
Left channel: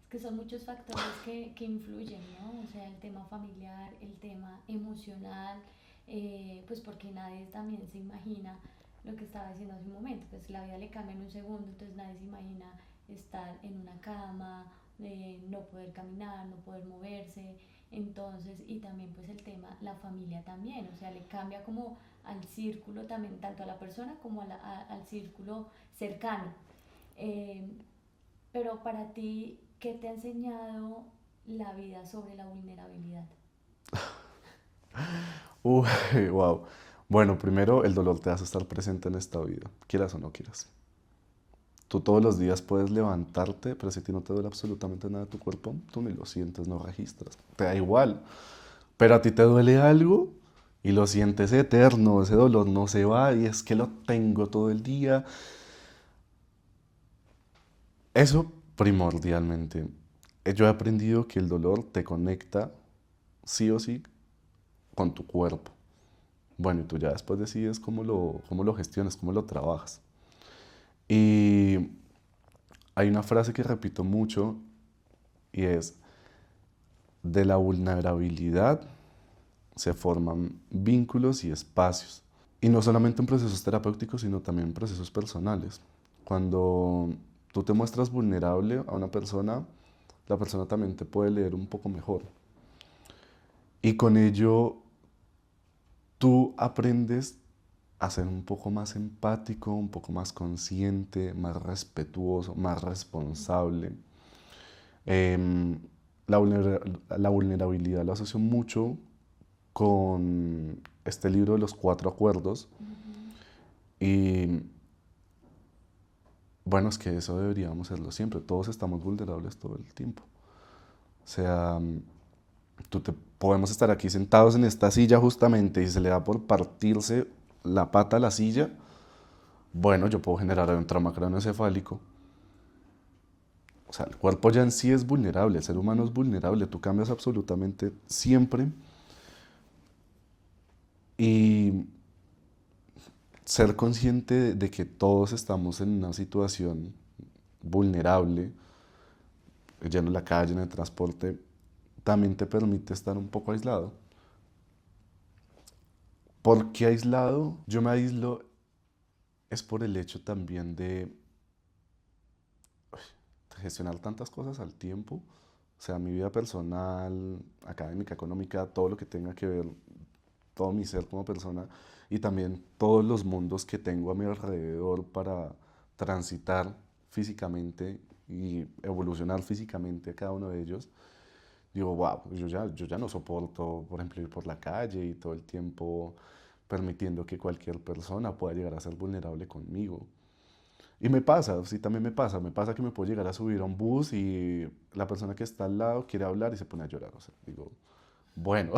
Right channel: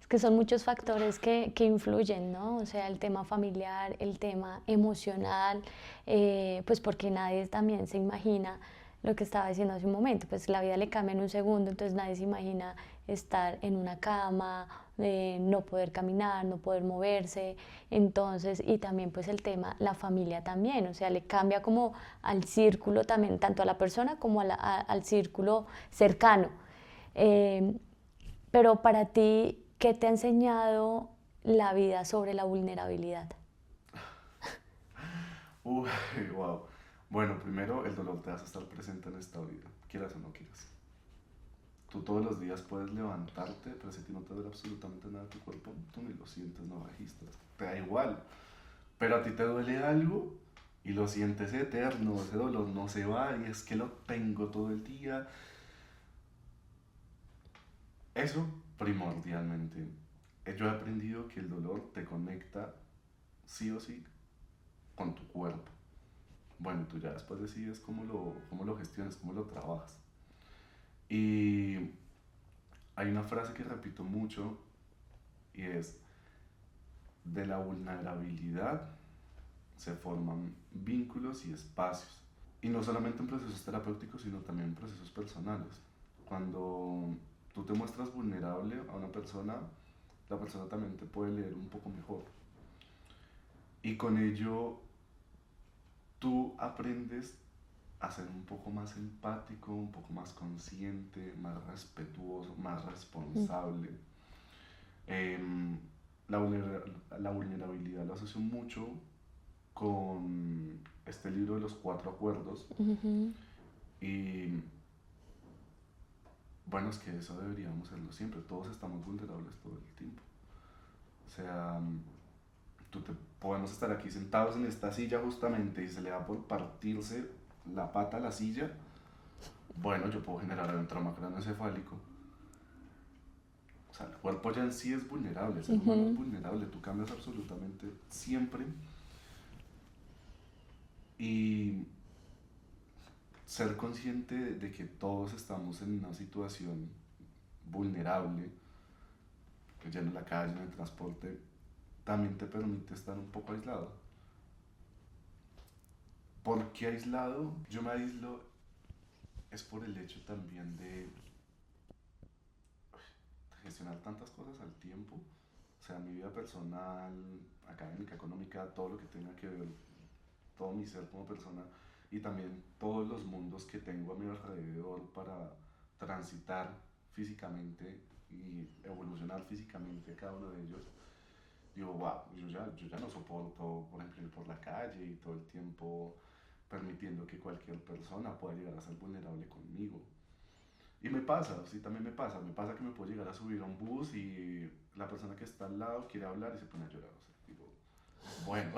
Es que son muchos factores que influyen, ¿no? O sea, el tema familiar, el tema emocional, pues porque nadie también se imagina lo que estaba diciendo hace un momento, pues la vida le cambia en un segundo, entonces nadie se imagina estar en una cama, no poder caminar, no poder moverse, entonces, y también pues el tema, la familia también, o sea, le cambia como al círculo también, tanto a la persona como al círculo cercano. Eh, pero para ti, ¿qué te ha enseñado la vida sobre la vulnerabilidad? Uy, wow. Bueno, primero el dolor te hace estar presente en esta vida, quieras o no quieras. Tú todos los días puedes levantarte, pero si a ti no te duele absolutamente nada tu cuerpo, tú ni lo sientes, no registras. Te da igual. Pero a ti te duele algo y lo sientes eterno, ese dolor no se va y es que lo tengo todo el día. Eso primordialmente. Yo he aprendido que el dolor te conecta sí o sí con tu cuerpo. Bueno, y tú ya después decides cómo lo gestionas, cómo lo trabajas. Y hay una frase que repito mucho y es, de la vulnerabilidad se forman vínculos y espacios. Y no solamente en procesos terapéuticos, sino también en procesos personales. Cuando tú te muestras vulnerable a una persona, la persona también te puede leer un poco mejor. Y con ello tú aprendes a ser un poco más empático, un poco más consciente, más respetuoso, más responsable. Em, la vulnerabilidad la asocio mucho con este libro de los cuatro acuerdos. Ujú. Y bueno, es que eso deberíamos hacerlo siempre. Todos estamos vulnerables todo el tiempo. O sea, podemos estar aquí sentados en esta silla justamente y se le da por partirse la pata a la silla. Bueno, yo puedo generar un trauma craneoencefálico. O sea, el cuerpo ya en sí es vulnerable, el ser humano es Ujú. vulnerable, tú cambias absolutamente siempre y ser consciente de que todos estamos en una situación vulnerable, yendo en la calle, en el transporte, también te permite estar un poco aislado. ¿Por qué aislado? Yo me aíslo es por el hecho también de gestionar tantas cosas al tiempo, o sea, mi vida personal, académica, económica, todo lo que tenga que ver, todo mi ser como persona y también todos los mundos que tengo a mi alrededor para transitar físicamente y evolucionar físicamente a cada uno de ellos. Digo, wow, yo ya no soporto, por ejemplo, ir por la calle y todo el tiempo permitiendo que cualquier persona pueda llegar a ser vulnerable conmigo. Y me pasa, sí, también me pasa que me puedo llegar a subir a un bus y la persona que está al lado quiere hablar y se pone a llorar. O sea, digo, bueno,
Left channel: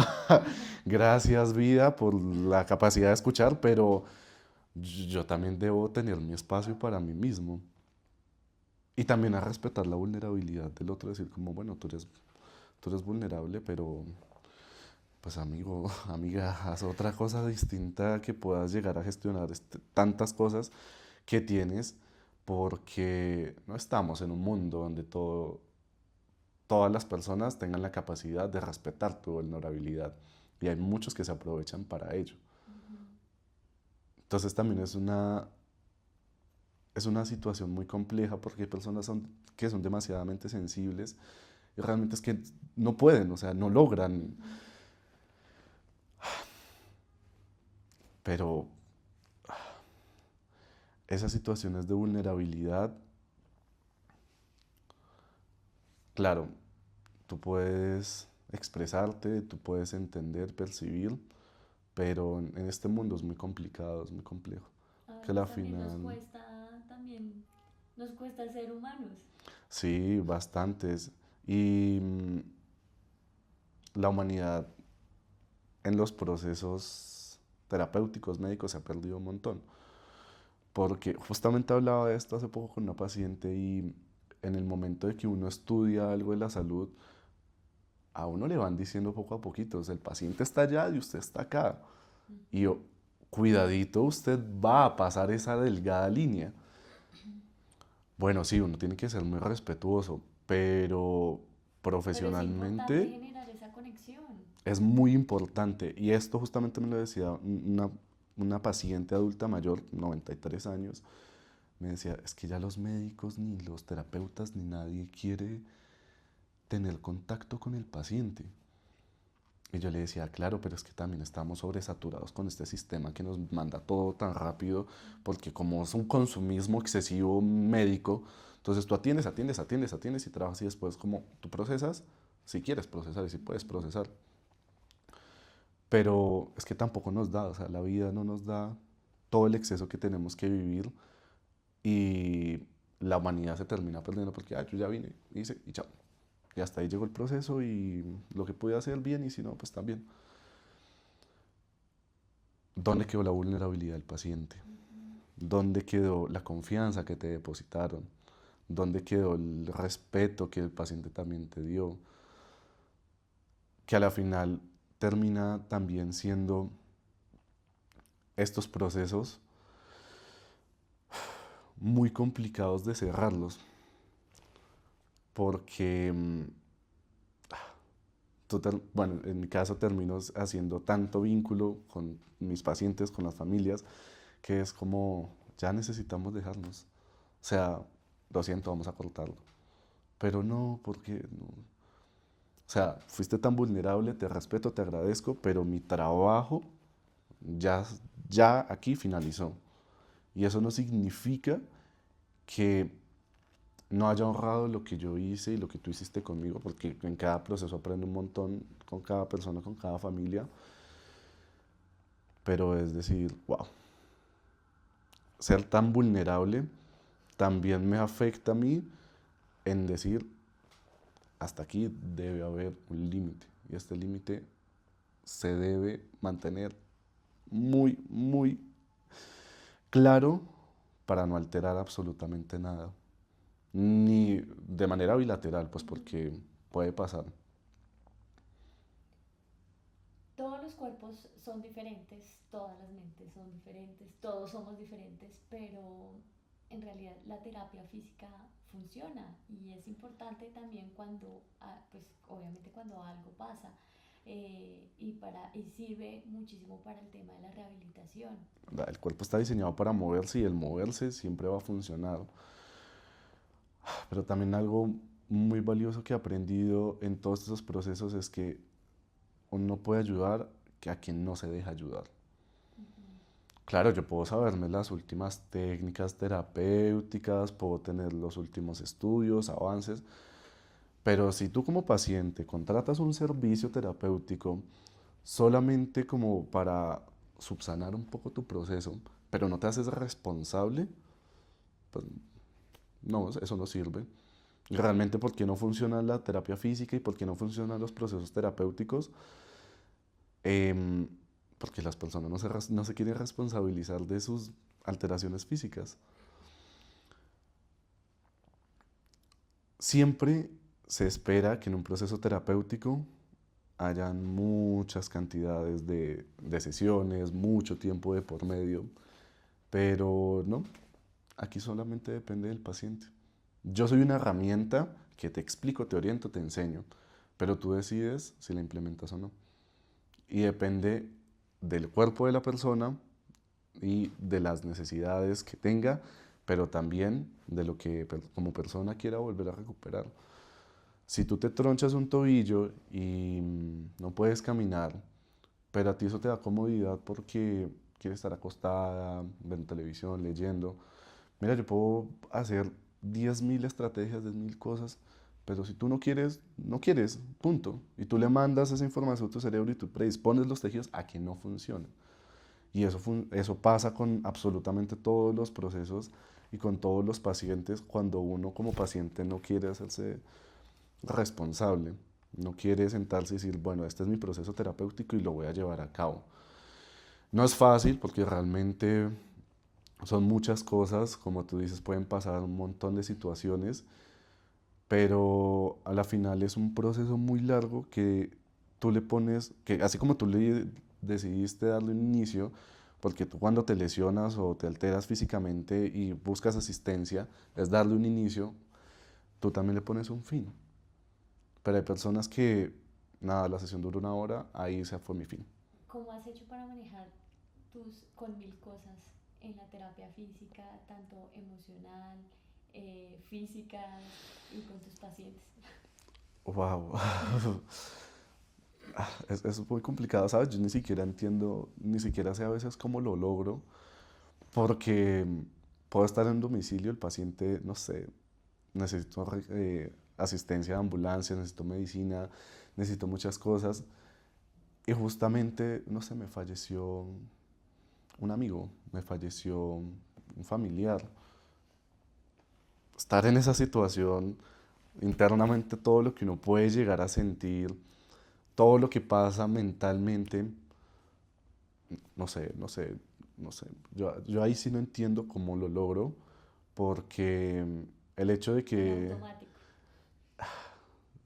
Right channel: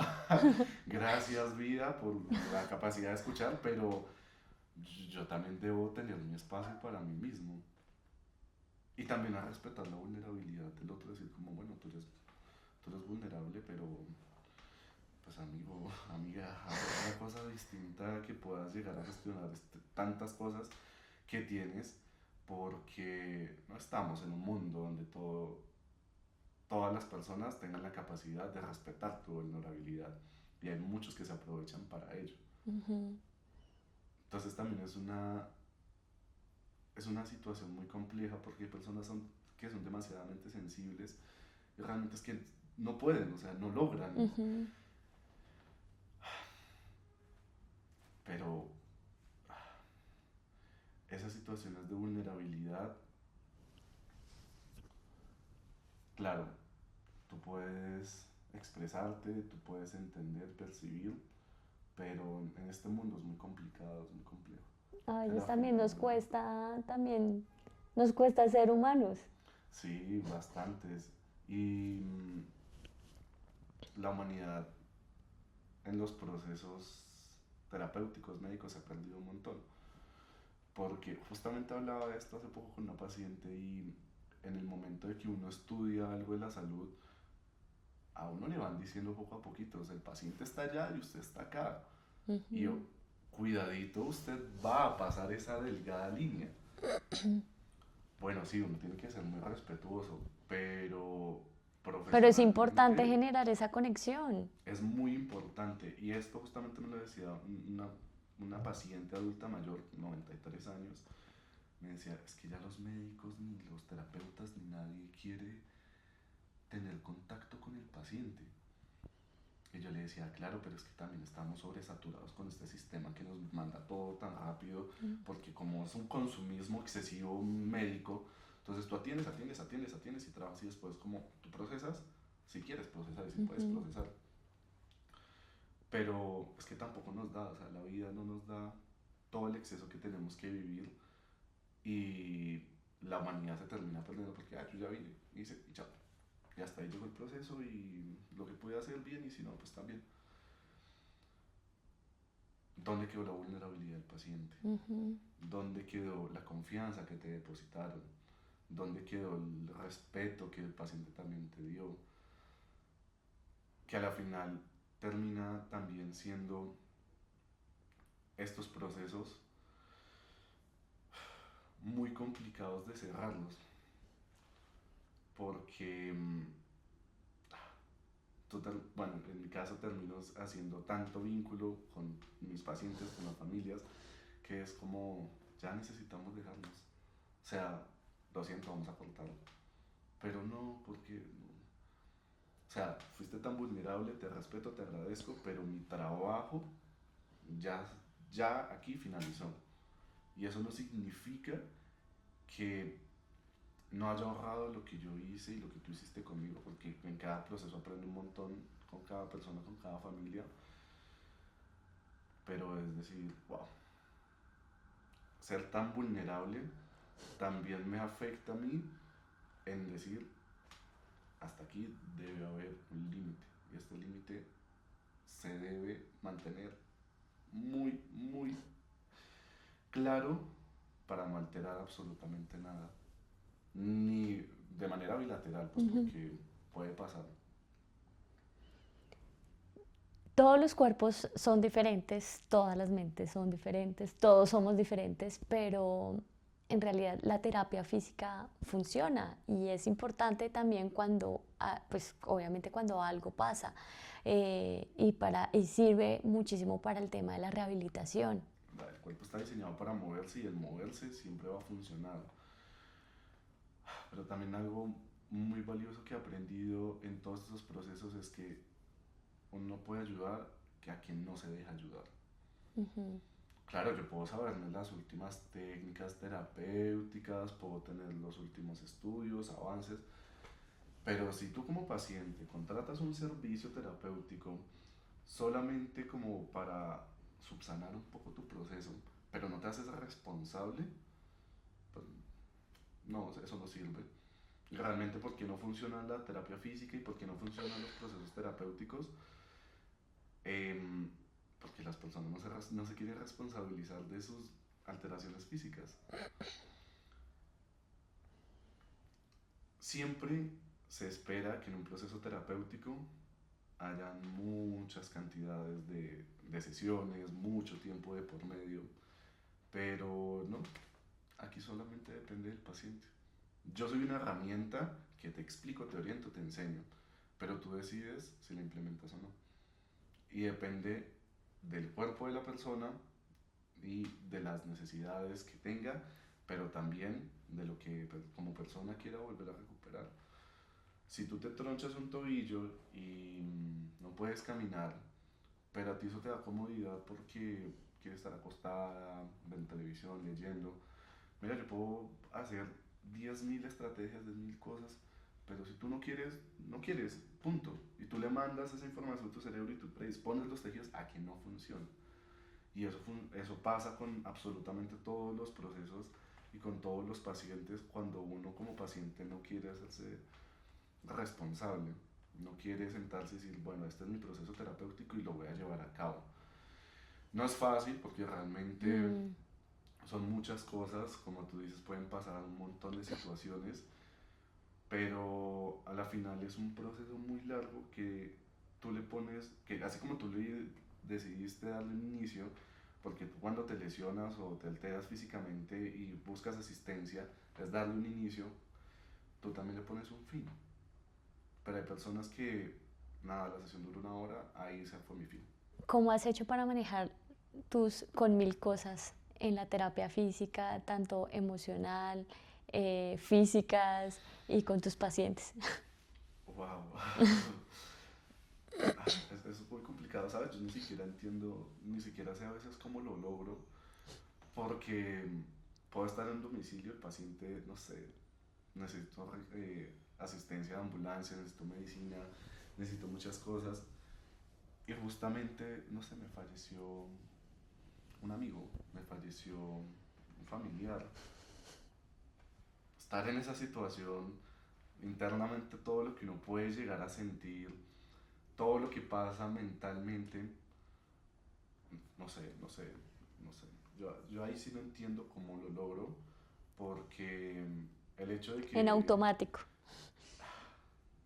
gracias vida por la capacidad de escuchar, pero yo también debo tener mi espacio para mí mismo. Y también a respetar la vulnerabilidad del otro, decir como, bueno, tú eres vulnerable, pero pues amigo, amiga, haz otra cosa distinta que puedas llegar a gestionar tantas cosas que tienes, porque no estamos en un mundo donde todas las personas tengan la capacidad de respetar tu vulnerabilidad y hay muchos que se aprovechan para ello. Ujú. Entonces también es una situación muy compleja porque hay personas que son demasiadamente sensibles y realmente es que no pueden, o sea, no logran, Ujú. pero esas situaciones de vulnerabilidad, claro, tú puedes expresarte, tú puedes entender, percibir, pero en este mundo es muy complicado, es muy complejo. A Que a veces la también final, nos cuesta ser humanos. sí, bastantes. Y la humanidad en los procesos terapéuticos médicos se ha perdido un montón. Porque justamente hablaba de esto hace poco con una paciente y en el momento de que uno estudia algo de la salud, a uno le van diciendo poco a poquito, o sea, el paciente está allá y usted está acá. Y yo, Ujú. cuidadito, usted va a pasar esa delgada línea. Bueno, sí, uno tiene que ser muy respetuoso, pero Pero es importante profesionalmente generar esa conexión. es muy importante. Y esto justamente me lo decía una paciente adulta mayor, 93 años, me decía, es que ya los médicos, ni los terapeutas, ni nadie quiere tener contacto con el paciente. Y yo le decía, claro, pero es que también estamos sobresaturados con este sistema que nos manda todo tan rápido, porque como es un consumismo excesivo médico, entonces tú atiendes, atiendes, atiendes, atiendes y trabajas y después como tú procesas, si quieres procesar y si puedes Ujú. procesar. Pero es que tampoco nos da, o sea, la vida no nos da todo el exceso que tenemos que vivir y la humanidad se termina perdiendo porque, yo ya vine, hice y chao. Y hasta ahí llegó el proceso y lo que pude hacer bien y si no, pues también. ¿Dónde quedó la vulnerabilidad del paciente? Ujú. ¿Dónde quedó la confianza que te depositaron? ¿Dónde quedó el respeto que el paciente también te dio? Que a la final termina también siendo estos procesos muy complicados de cerrarlos, porque, bueno, en mi caso termino haciendo tanto vínculo con mis pacientes, con las familias, que es como, ya necesitamos dejarnos. O sea, lo siento, vamos a cortarlo. pero no, porque no. O sea, fuiste tan vulnerable, te respeto, te agradezco, pero mi trabajo ya, ya aquí finalizó. Y eso no significa que no haya honrado lo que yo hice y lo que tú hiciste conmigo, porque en cada proceso aprendo un montón con cada persona, con cada familia, pero es decir, wow, ser tan vulnerable también me afecta a mí en decir, hasta aquí debe haber un límite, y este límite se debe mantener muy, muy claro para no alterar absolutamente nada, ni de manera bilateral, pues Ujú. porque puede pasar. Todos los cuerpos son diferentes, todas las mentes son diferentes, todos somos diferentes, pero en realidad la terapia física funciona y es importante también cuando, pues obviamente cuando algo pasa y sirve muchísimo para el tema de la rehabilitación. El cuerpo está diseñado para moverse y el moverse siempre va a funcionar. Pero también algo muy valioso que he aprendido en todos esos procesos es que uno puede ayudar que a quien no se deja ayudar. Ujú. Claro, yo puedo saberme las últimas técnicas terapéuticas, puedo tener los últimos estudios, avances, pero si tú como paciente contratas un servicio terapéutico solamente como para subsanar un poco tu proceso, pero no te haces responsable, pues no, eso no sirve. Realmente, ¿por qué no funciona la terapia física y por qué no funcionan los procesos terapéuticos? Em, Porque las personas no se quieren responsabilizar de sus alteraciones físicas. Siempre se espera que en un proceso terapéutico hayan muchas cantidades de sesiones, mucho tiempo de por medio, pero no, aquí solamente depende del paciente. Yo soy una herramienta que te explico, te oriento, te enseño, pero tú decides si la implementas o no. Y depende del cuerpo de la persona y de las necesidades que tenga, pero también de lo que como persona quiera volver a recuperar. Si tú te tronchas un tobillo y no puedes caminar, pero a ti eso te da comodidad porque quieres estar acostada, viendo televisión, leyendo. Mira, yo puedo hacer 10.000 estrategias, 10.000 cosas, pero si tú no quieres, no quieres, punto. Y tú le mandas esa información a tu cerebro y tú predispones los tejidos a que no funcione. Y eso pasa con absolutamente todos los procesos y con todos los pacientes cuando uno como paciente no quiere hacerse responsable, no quiere sentarse y decir, bueno, este es mi proceso terapéutico y lo voy a llevar a cabo. No es fácil porque realmente Mm. son muchas cosas, como tú dices, pueden pasar un montón de situaciones, pero a la final es un proceso muy largo que tú le pones, que así como tú le decidiste darle un inicio, porque tú cuando te lesionas o te alteras físicamente y buscas asistencia, es darle un inicio, tú también le pones un fin. Pero hay personas que, nada, la sesión dura una hora, ahí se fue mi fin. ¿Cómo has hecho para manejar tus con mil cosas en la terapia física, tanto emocional, físicas y con tus pacientes? Wow. Es muy complicado, ¿sabes? Yo ni siquiera entiendo, ni siquiera sé a veces cómo lo logro, porque puedo estar en domicilio, el paciente, no sé, necesito asistencia de ambulancia, necesito medicina, necesito muchas cosas, y justamente, no sé, me falleció un amigo, me falleció un familiar. Estar en esa situación, internamente todo lo que uno puede llegar a sentir, todo lo que pasa mentalmente, no sé, no sé, no sé. Yo ahí sí no entiendo cómo lo logro, porque el hecho de En que automático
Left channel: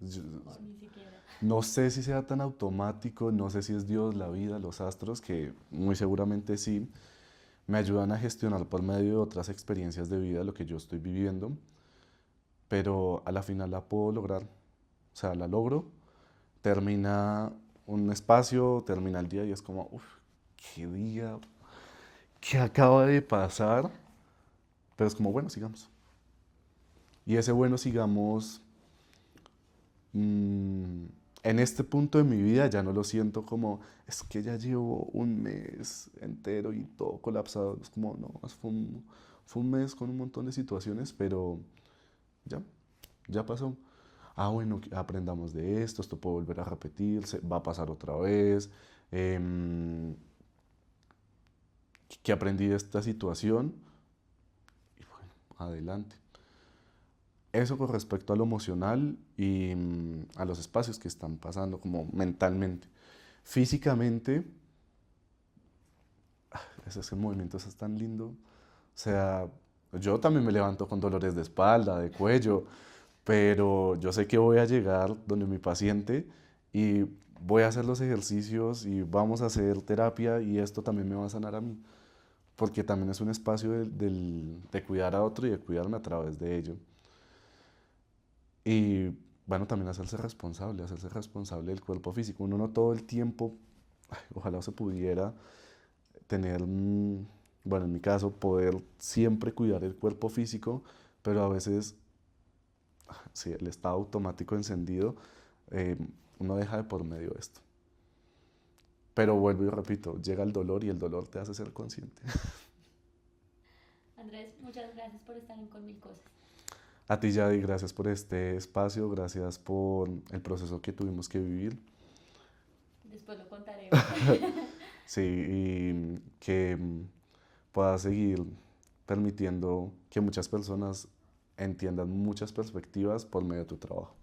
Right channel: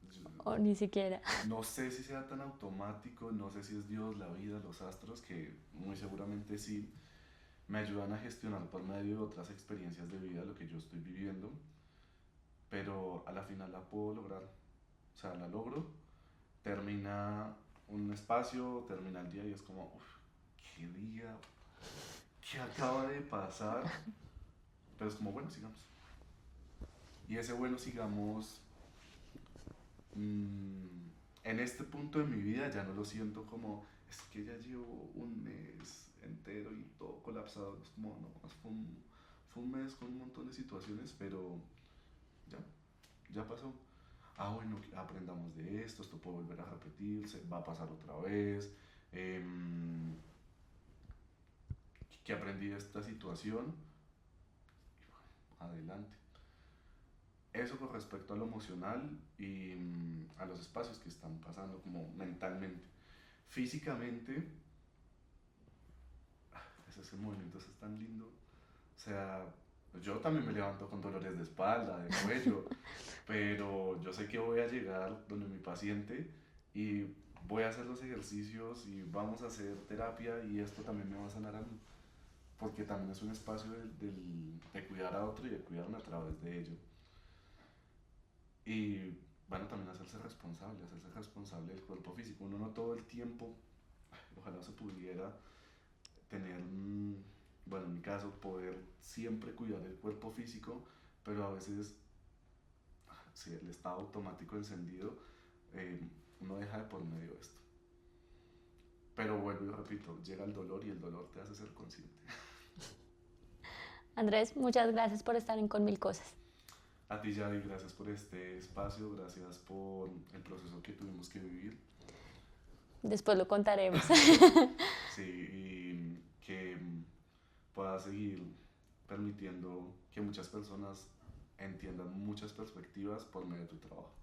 yo- o ni siquiera. no sé si sea tan automático, no sé si es Dios, la vida, los astros, que muy seguramente sí, me ayudan a gestionar por medio de otras experiencias de vida lo que yo estoy viviendo, pero a la final la puedo lograr, o sea, la logro, termina un espacio, termina el día y es como, uff, qué día, qué acaba de pasar, pero es como, bueno, sigamos. Y ese bueno, sigamos mm, en este punto de mi vida ya no lo siento como, es que ya llevo un mes entero y todo colapsado. Es como, no, fue un mes con un montón de situaciones, pero ya, ya pasó. Ah, bueno, aprendamos de esto puede volver a repetirse, va a pasar otra vez. em, ¿Qué aprendí de esta situación? Y bueno, adelante. Eso con respecto a lo emocional y a los espacios que están pasando, como mentalmente. Físicamente, ese movimiento es tan lindo. O sea, yo también me levanto con dolores de espalda, de cuello, pero yo sé que voy a llegar donde mi paciente y voy a hacer los ejercicios y vamos a hacer terapia y esto también me va a sanar a mí, porque también es un espacio de cuidar a otro y de cuidarme a través de ello. Y bueno, también hacerse responsable del cuerpo físico. Uno no todo el tiempo, ay, ojalá se pudiera tener, bueno, en mi caso, poder siempre cuidar el cuerpo físico, pero a veces, si el estado automático encendido, eh, uno deja de por medio esto. Pero vuelvo y repito, llega el dolor y el dolor te hace ser consciente. Andrés, muchas gracias por estar en Con Mil Cosas. A ti, Yadi, gracias por este espacio, gracias por el proceso que tuvimos que vivir. Después lo contaremos. Sí, y que pueda seguir permitiendo que muchas personas entiendan muchas perspectivas por medio de tu trabajo.